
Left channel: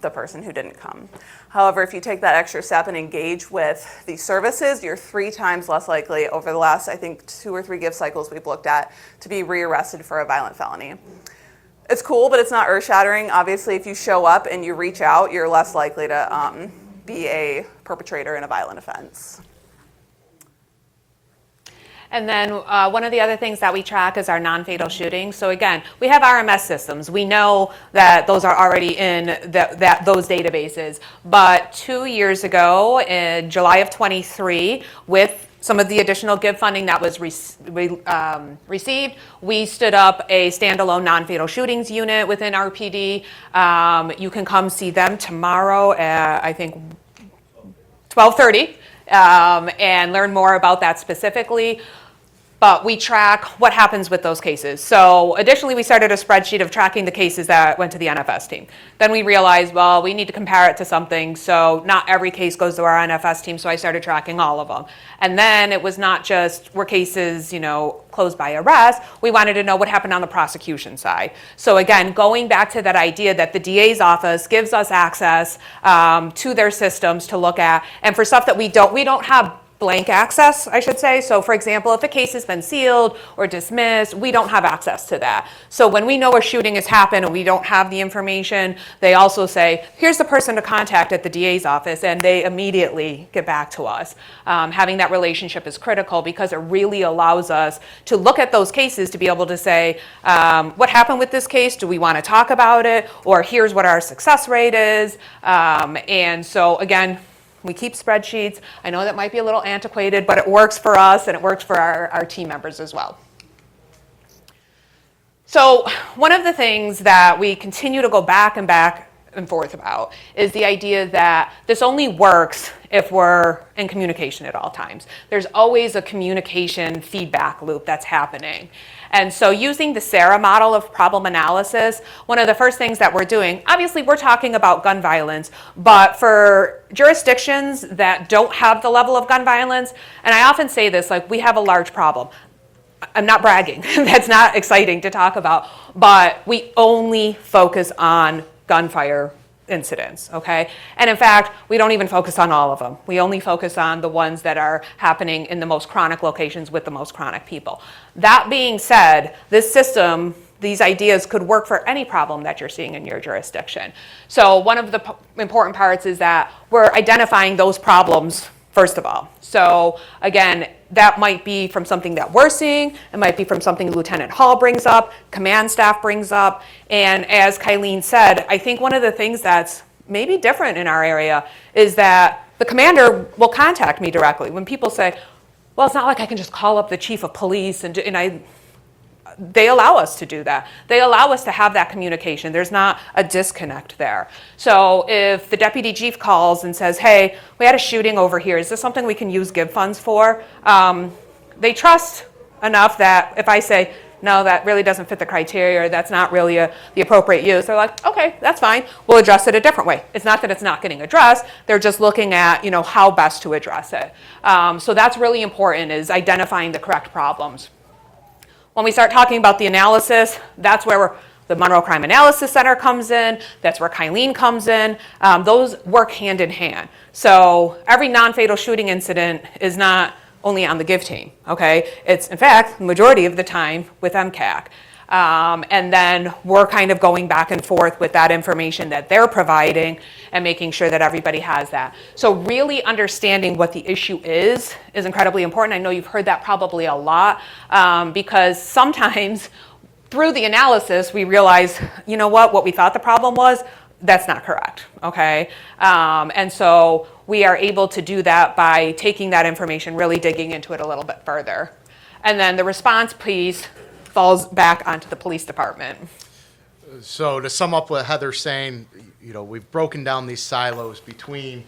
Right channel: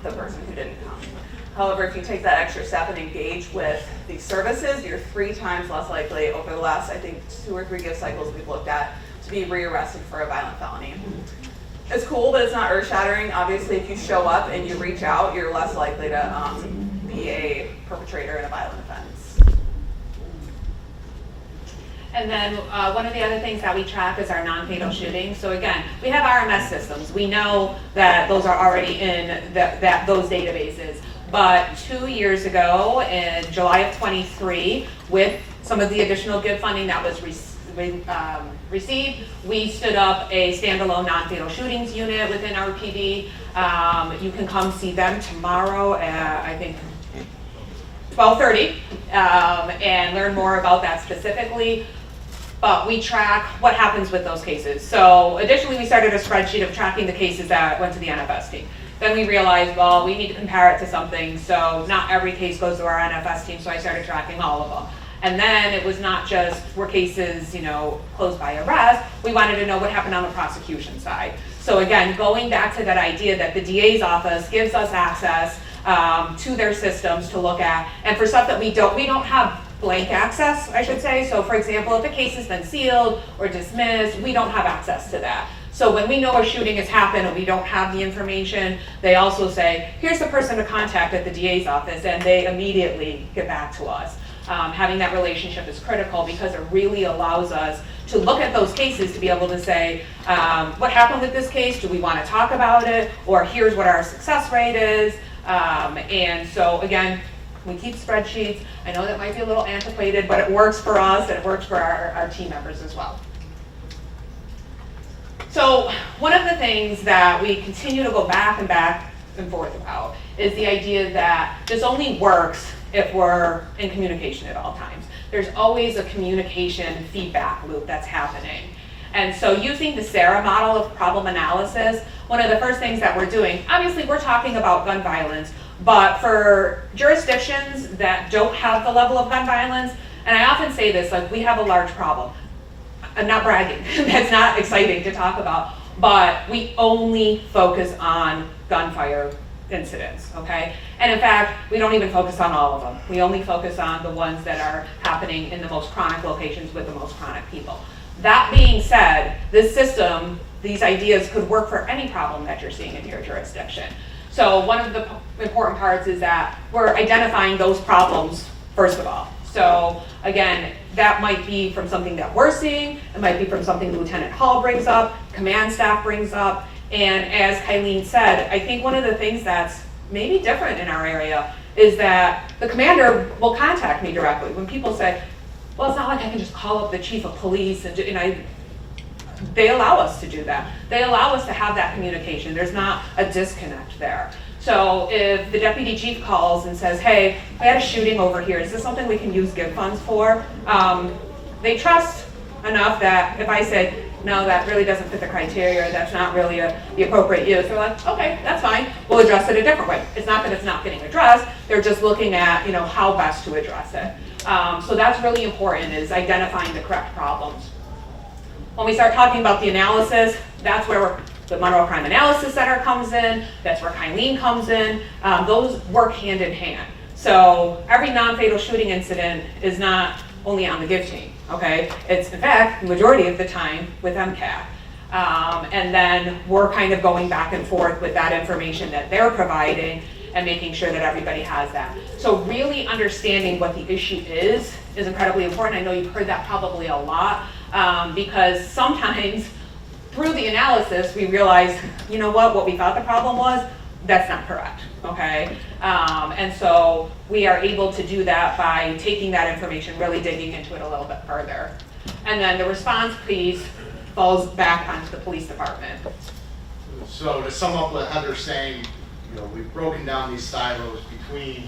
the person who didn't come. However, if you take that extra step and engage with the services, you're 3 times less likely over the last, I think, 2 or 3 gift cycles we've looked at to be rearrested for a violent felony. It's cool, but it's not earth-shattering. Obviously, if you show up and you reach out, you're less likely to be a perpetrator in a violent offense. And then one of the other things that we track is our non-fatal shootings. So again, we have RMS systems. We know that those are already in those databases. But 2 years ago, in July of 23, with some of the additional GIV funding that was received, we stood up a standalone non-fatal shootings unit within our PD. You can come see them tomorrow at, I think, 12:30 and learn more about that specifically. But we track what happens with those cases. So additionally, we started a spreadsheet of tracking the cases that went to the NFS team. Then we realized, well, we need to compare it to something. So not every case goes to our NFS team. So I started tracking all of them. And then it was not just were cases, closed by arrest. We wanted to know what happened on the prosecution side. So again, going back to that idea that the DA's office gives us access to their systems to look at, and for stuff that we don't have blank access, I should say. So for example, if a case has been sealed or dismissed, we don't have access to that. So when we know a shooting has happened and we don't have the information, they also say, here's the person to contact at the DA's office, and they immediately get back to us. Having that relationship is critical because it really allows us to look at those cases to be able to say, what happened with this case? Do we want to talk about it? Or here's what our success rate is. And so again, we keep spreadsheets. I know that might be a little antiquated, but it works for us and it works for our team members as well. So one of the things that we continue to go back and forth about is the idea that this only works if we're in communication at all times. There's always a communication feedback loop that's happening. And so using the SARA model of problem analysis, one of the first things that we're doing, obviously we're talking about gun violence, but for jurisdictions that don't have the level of gun violence, and I often say this, like we have a large problem. I'm not bragging, that's not exciting to talk about, but we only focus on gunfire incidents, okay? And in fact, we don't even focus on all of them. We only focus on the ones that are happening in the most chronic locations with the most chronic people. That being said, this system, these ideas could work for any problem that you're seeing in your jurisdiction. So one of the important parts is that we're identifying those problems first of all. So again, that might be from something that we're seeing, it might be from something Lieutenant Hall brings up, command staff brings up, and as Kylene said, I think one of the things that's maybe different in our area is that the commander will contact me directly. When people say, well, it's not like I can just call up the chief of police they allow us to do that. They allow us to have that communication. There's not a disconnect there. So if the deputy chief calls and says, hey, we had a shooting over here, is this something we can use GIV funds for? They trust enough that if I say, no, that really doesn't fit the criteria, or that's not really the appropriate use, they're like, okay, that's fine, we'll address it a different way. It's not that it's not getting addressed, they're just looking at how best to address it. So that's really important, is identifying the correct problems. When we start talking about the analysis, that's where the Monroe Crime Analysis Center comes in, that's where Kylene comes in. Those work hand in hand. So every non-fatal shooting incident is not only on the GIV team, okay? It's, in fact, the majority of the time with MCAC. And then we're kind of going back and forth with that information that they're providing and making sure that everybody has that. So really understanding what the issue is incredibly important. I know you've heard that probably a lot, because sometimes through the analysis we realize, what we thought the problem was, that's not correct, okay? And so we are able to do that by taking that information, really digging into it a little bit further. And then the response piece falls back onto the police department. So to sum up what Heather's saying, we've broken down these silos between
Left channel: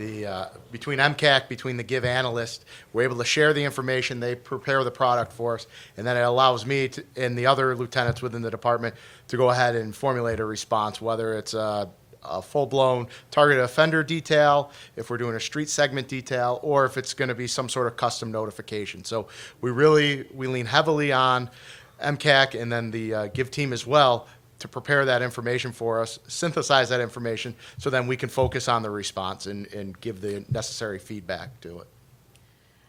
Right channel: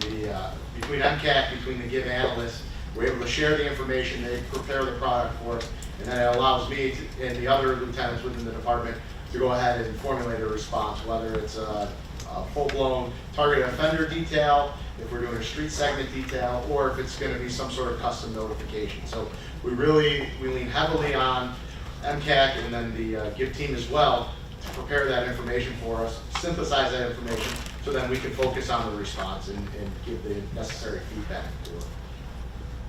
MCAC, between the GIV analysts. We're able to share the information, they prepare the product for us, and then it allows me and the other lieutenants within the department to go ahead and formulate a response, whether it's a full-blown targeted offender detail, if we're doing a street segment detail, or if it's going to be some sort of custom notification. So we lean heavily on MCAC and then the GIV team as well to prepare that information for us, synthesize that information, so then we can focus on the response and give the necessary feedback to it.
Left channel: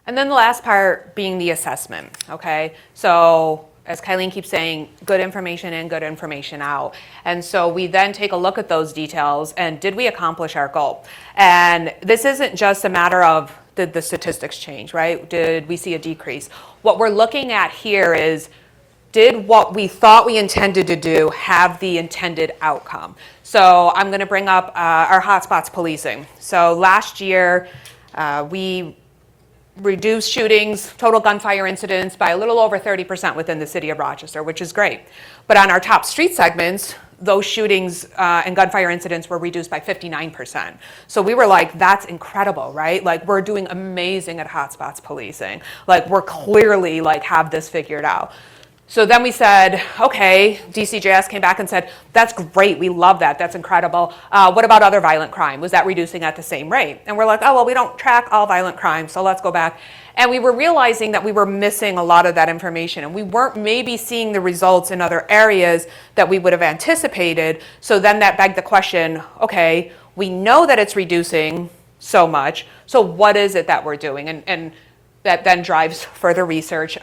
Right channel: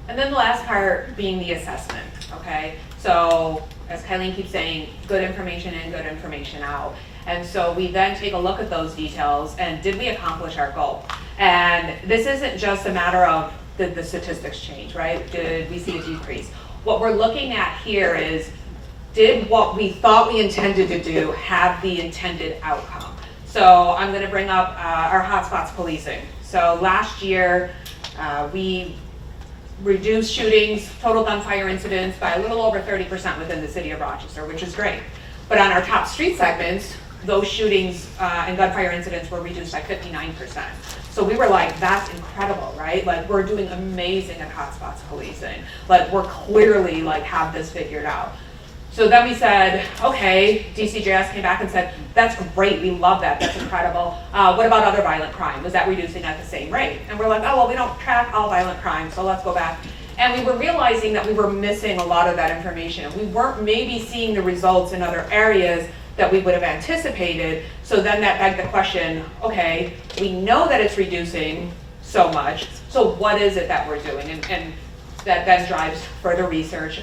And then the last part being the assessment, okay? So as Kylene keeps saying, good information in, good information out. And so we then take a look at those details and did we accomplish our goal? And this isn't just a matter of did the statistics change, right? Did we see a decrease? What we're looking at here is, did what we thought we intended to do have the intended outcome? So I'm going to bring up our hotspots policing. So last year we reduced shootings, total gunfire incidents by a little over 30% within the city of Rochester, which is great. But on our top street segments, those shootings and gunfire incidents were reduced by 59%. So we were like, that's incredible, right? Like, we're doing amazing at hotspots policing. Like, we're clearly have this figured out. So then we said, okay, DCJS came back and said, that's great, we love that, that's incredible. What about other violent crime? Was that reducing at the same rate? And we're like, oh, well, we don't track all violent crime, so let's go back. And we were realizing that we were missing a lot of that information, and we weren't maybe seeing the results in other areas that we would have anticipated. So then that begged the question, okay, we know that it's reducing so much, so what is it that we're doing? And that then drives further research.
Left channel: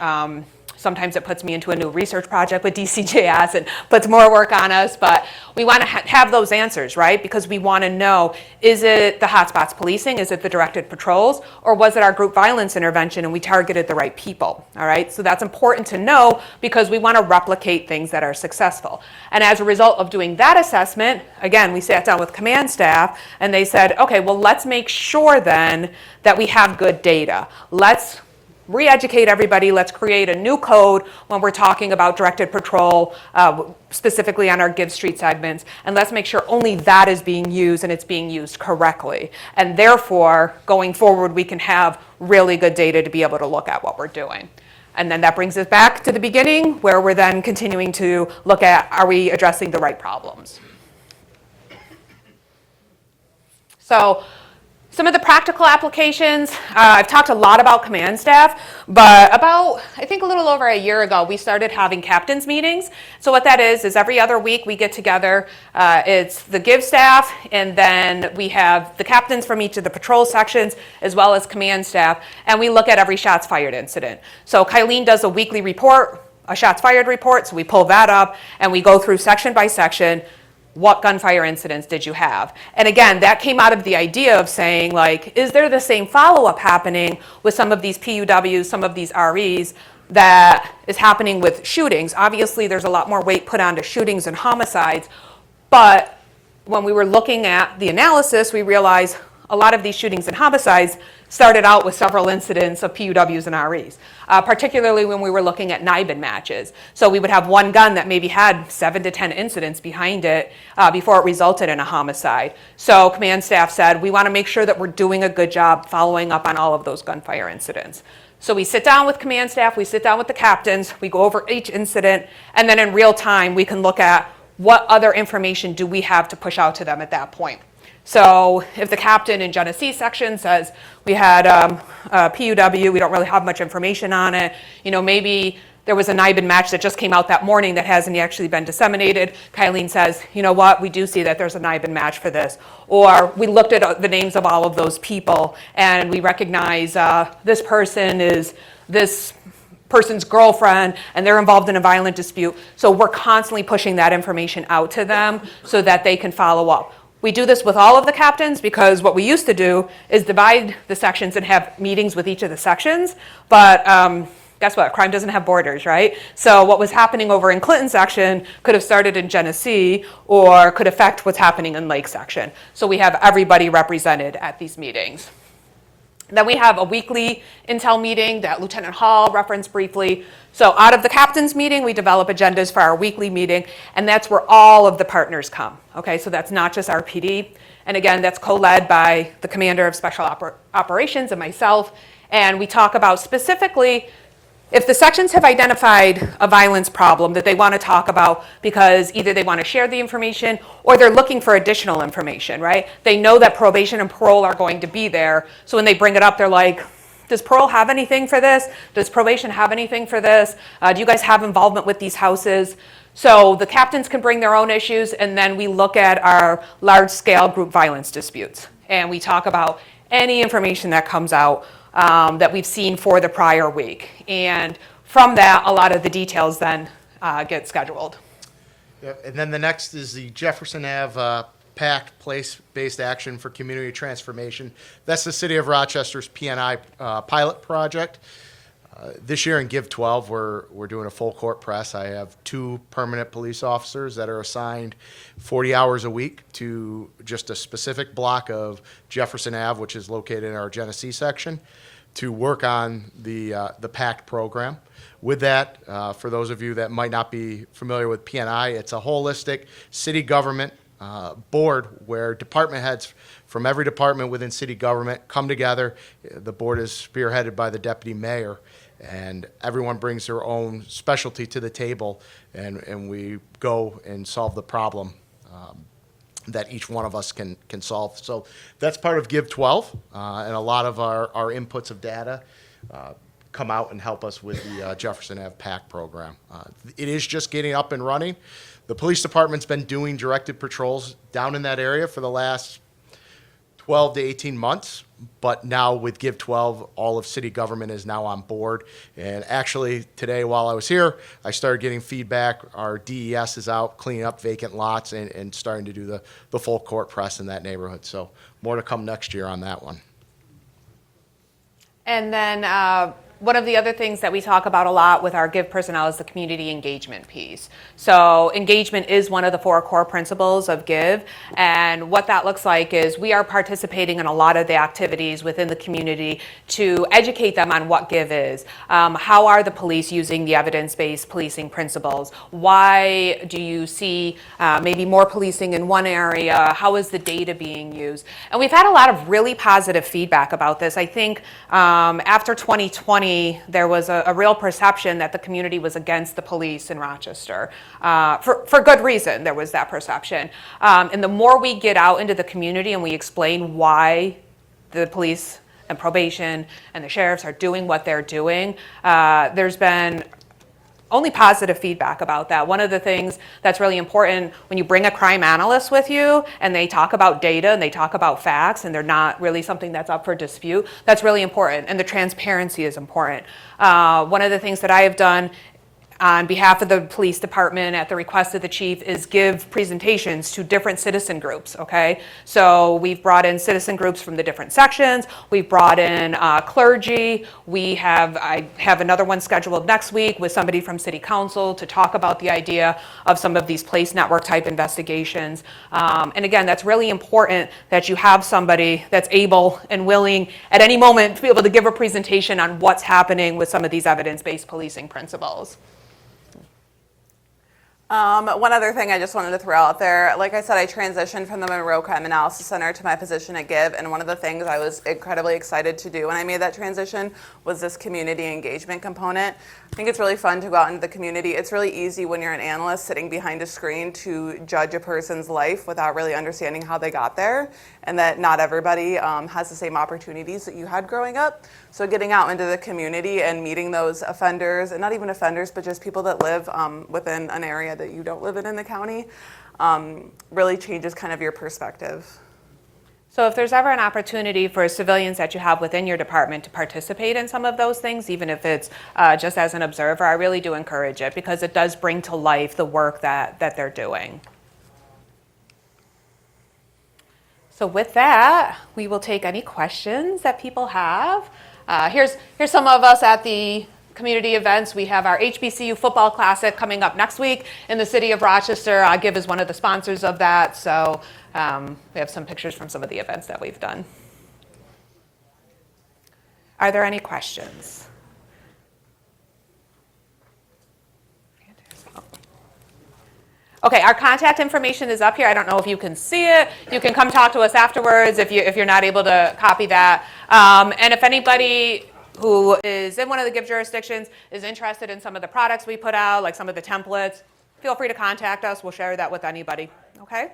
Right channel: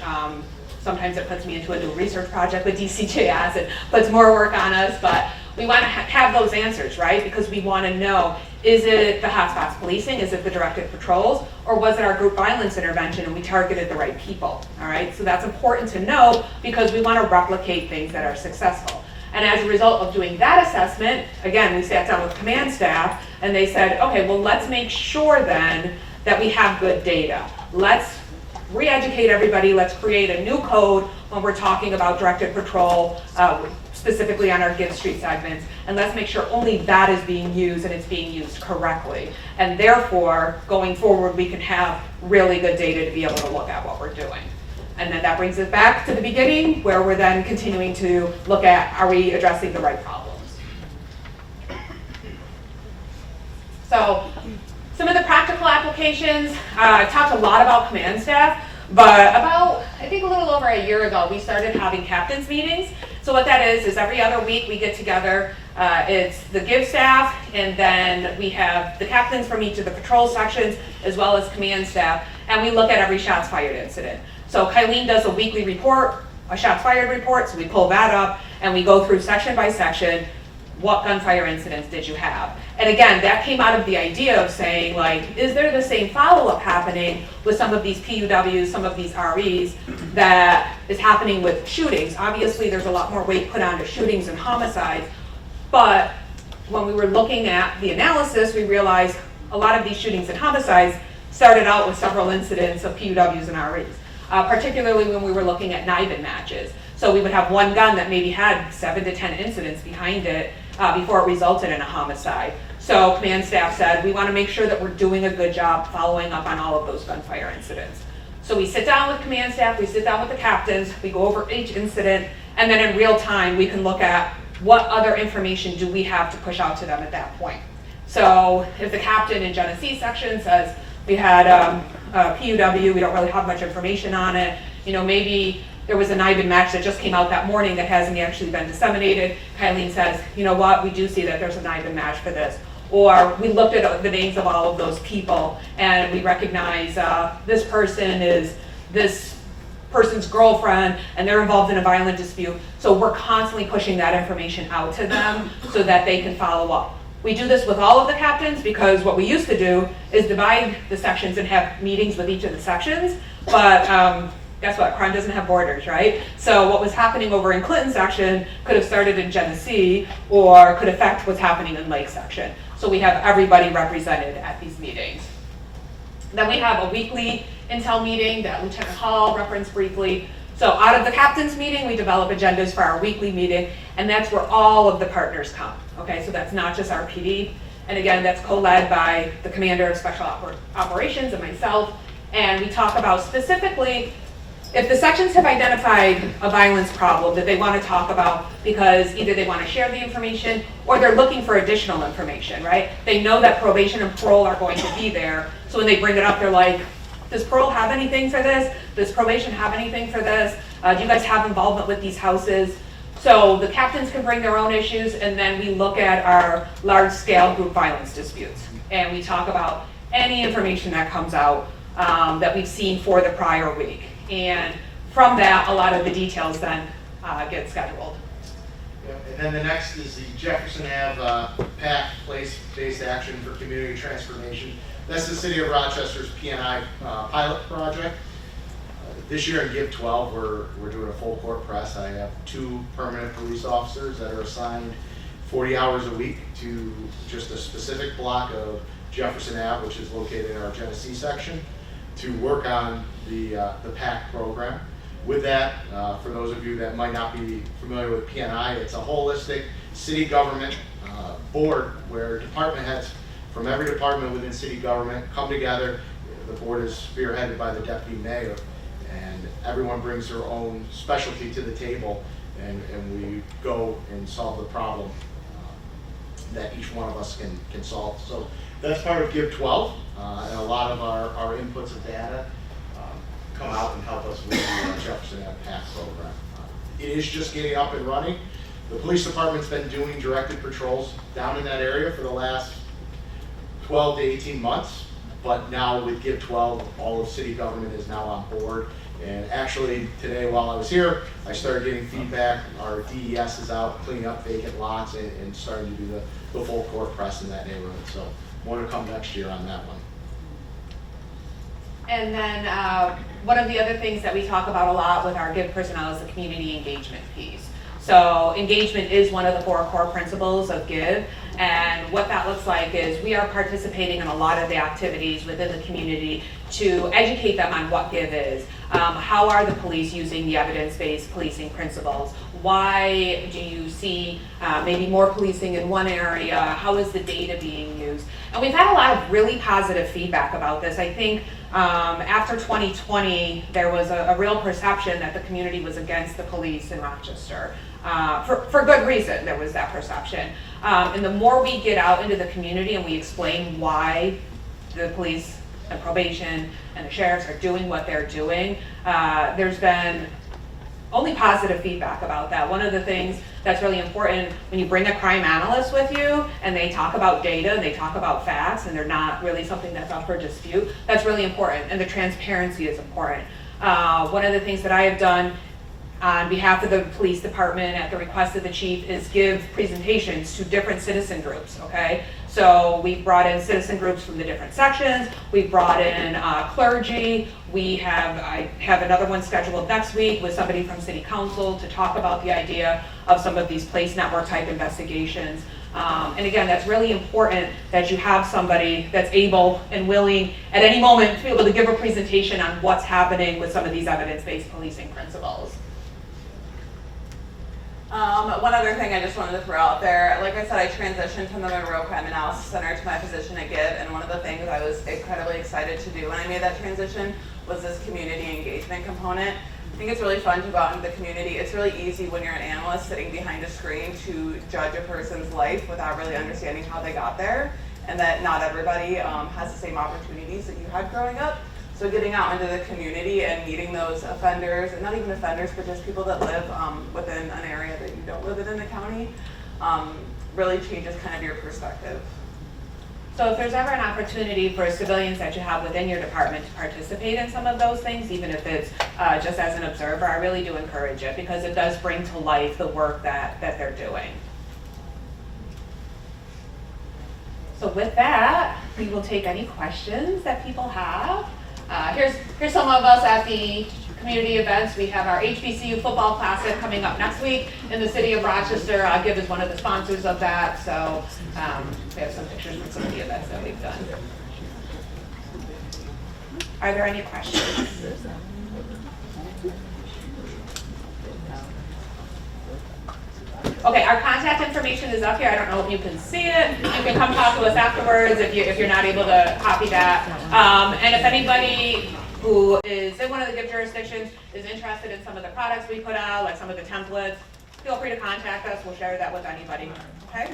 Sometimes it puts me into a new research project with DCJS and puts more work on us, but we want to have those answers, right? Because we want to know, is it the hotspots policing, is it the directed patrols, or was it our group violence intervention and we targeted the right people, all right? So that's important to know because we want to replicate things that are successful. And as a result of doing that assessment, again, we sat down with command staff and they said, okay, well, let's make sure then that we have good data. Let's re-educate everybody, let's create a new code when we're talking about directed patrol, specifically on our GIV street segments, and let's make sure only that is being used and it's being used correctly. And therefore, going forward, we can have really good data to be able to look at what we're doing. And then that brings us back to the beginning, where we're then continuing to look at, are we addressing the right problems? So, some of the practical applications, I've talked a lot about command staff, but about, I think a little over a year ago, we started having captains meetings. So what that is every other week we get together, it's the GIV staff, and then we have the captains from each of the patrol sections, as well as command staff, and we look at every shots fired incident. So Kylene does a weekly report, a shots fired report, so we pull that up, and we go through section by section, what gunfire incidents did you have? And again, that came out of the idea of saying, like, is there the same follow-up happening with some of these PUWs, some of these REs, that is happening with shootings? Obviously, there's a lot more weight put onto shootings and homicides, but when we were looking at the analysis, we realized a lot of these shootings and homicides started out with several incidents of PUWs and REs. Particularly when we were looking at NIBIN matches. So we would have one gun that maybe had 7 to 10 incidents behind it before it resulted in a homicide. So command staff said, we want to make sure that we're doing a good job following up on all of those gunfire incidents. So we sit down with command staff, we sit down with the captains, we go over each incident, and then in real time we can look at what other information do we have to push out to them at that point. So if the captain in Genesee section says, we had a PUW, we don't really have much information on it. You know, maybe there was a NIBIN match that just came out that morning that hasn't actually been disseminated. Kylene says, you know what, we do see that there's a NIBIN match for this. Or we looked at the names of all of those people and we recognize this person is this person's girlfriend and they're involved in a violent dispute. So we're constantly pushing that information out to them so that they can follow up. We do this with all of the captains because what we used to do is divide the sections and have meetings with each of the sections, but guess what? Crime doesn't have borders, right? So what was happening over in Clinton section could have started in Genesee or could affect what's happening in Lake section. So we have everybody represented at these meetings. Then we have a weekly intel meeting that Lieutenant Hall referenced briefly. So out of the captain's meeting, we develop agendas for our weekly meeting, and that's where all of the partners come. Okay, so that's not just our PD. And again, that's co-led by the commander of special operations and myself. And we talk about specifically if the sections have identified a violence problem that they want to talk about because either they want to share the information or they're looking for additional information, right? They know that probation and parole are going to be there. So when they bring it up, they're like, does parole have anything for this? Does probation have anything for this? Do you guys have involvement with these houses? So the captains can bring their own issues, and then we look at our large-scale group violence disputes. And we talk about any information that comes out that we've seen for the prior week. And from that, a lot of the details then get scheduled. Yep. And then the next is the Jefferson Ave PAC, Place-Based Action for Community Transformation. That's the City of Rochester's P&I pilot project. This year in Give 12, we're doing a full court press. I have 2 permanent police officers that are assigned 40 hours a week to just a specific block of Jefferson Ave, which is located in our Genesee section, to work on the PAC program. With that, for those of you that might not be familiar with P&I, it's a holistic city government board where department heads from every department within city government come together. The board is spearheaded by the deputy mayor, and everyone brings their own specialty to the table, and we go and solve the problem that each one of us can solve. So that's part of Give 12, and a lot of our inputs of data come out and help us with the Jefferson Ave PAC program. It is just getting up and running. The police department's been doing directed patrols down in that area for the last 12 to 18 months, but now with Give 12, all of city government is now on board. And actually today while I was here, I started getting feedback. Our DES is out cleaning up vacant lots and starting to do the full court press in that neighborhood. So more to come next year on that one. And then one of the other things that we talk about a lot with our Give personnel is the community engagement piece. So engagement is one of the 4 core principles of Give, and what that looks like is we are participating in a lot of the activities within the community to educate them on what Give is. How are the police using the evidence-based policing principles? Why do you see maybe more policing in one area? How is the data being used? And we've had a lot of really positive feedback about this. I think after 2020, there was a real perception that the community was against the police in Rochester. For good reason, there was that perception. And the more we get out into the community and we explain why the police and probation and the sheriffs are doing what they're doing, there's been only positive feedback about that. One of the things that's really important when you bring a crime analyst with you and they talk about data and they talk about facts and they're not really something that's up for dispute, that's really important, and the transparency is important. One of the things that I have done on behalf of the police department at the request of the chief is give presentations to different citizen groups, okay? So we've brought in citizen groups from the different sections, we've brought in clergy, I have another one scheduled next week with somebody from city council to talk about the idea of some of these police network type investigations. And again, that's really important that you have somebody that's able and willing at any moment to be able to give a presentation on what's happening with some of these evidence-based policing principles. One other thing I just wanted to throw out there, like I said, I transitioned from the Monroe Crime Analysis Center to my position at GIV, and one of the things I was incredibly excited to do when I made that transition was this community engagement component. I think it's really fun to go out into the community. It's really easy when you're an analyst sitting behind a screen to judge a person's life without really understanding how they got there, and that not everybody has the same opportunities that you had growing up. So getting out into the community and meeting those offenders, and not even offenders, but just people that live within an area that you don't live in the county, really changes kind of your perspective. So if there's ever an opportunity for civilians that you have within your department to participate in some of those things, even if it's just as an observer, I really do encourage it because it does bring to life the work that they're doing. So with that, we will take any questions that people have. Here's some of us at the community events. We have our HBCU Football Classic coming up next week in the city of Rochester. GIV is one of the sponsors of that, so we have some pictures from some of the events that we've done. Are there any questions? Okay, our contact information is up here. I don't know if you can see it. You can come talk to us afterwards if you're not able to copy that. And if anybody who is in one of the GIV jurisdictions is interested in some of the products we put out, like some of the templates, feel free to contact us. We'll share that with anybody. Okay?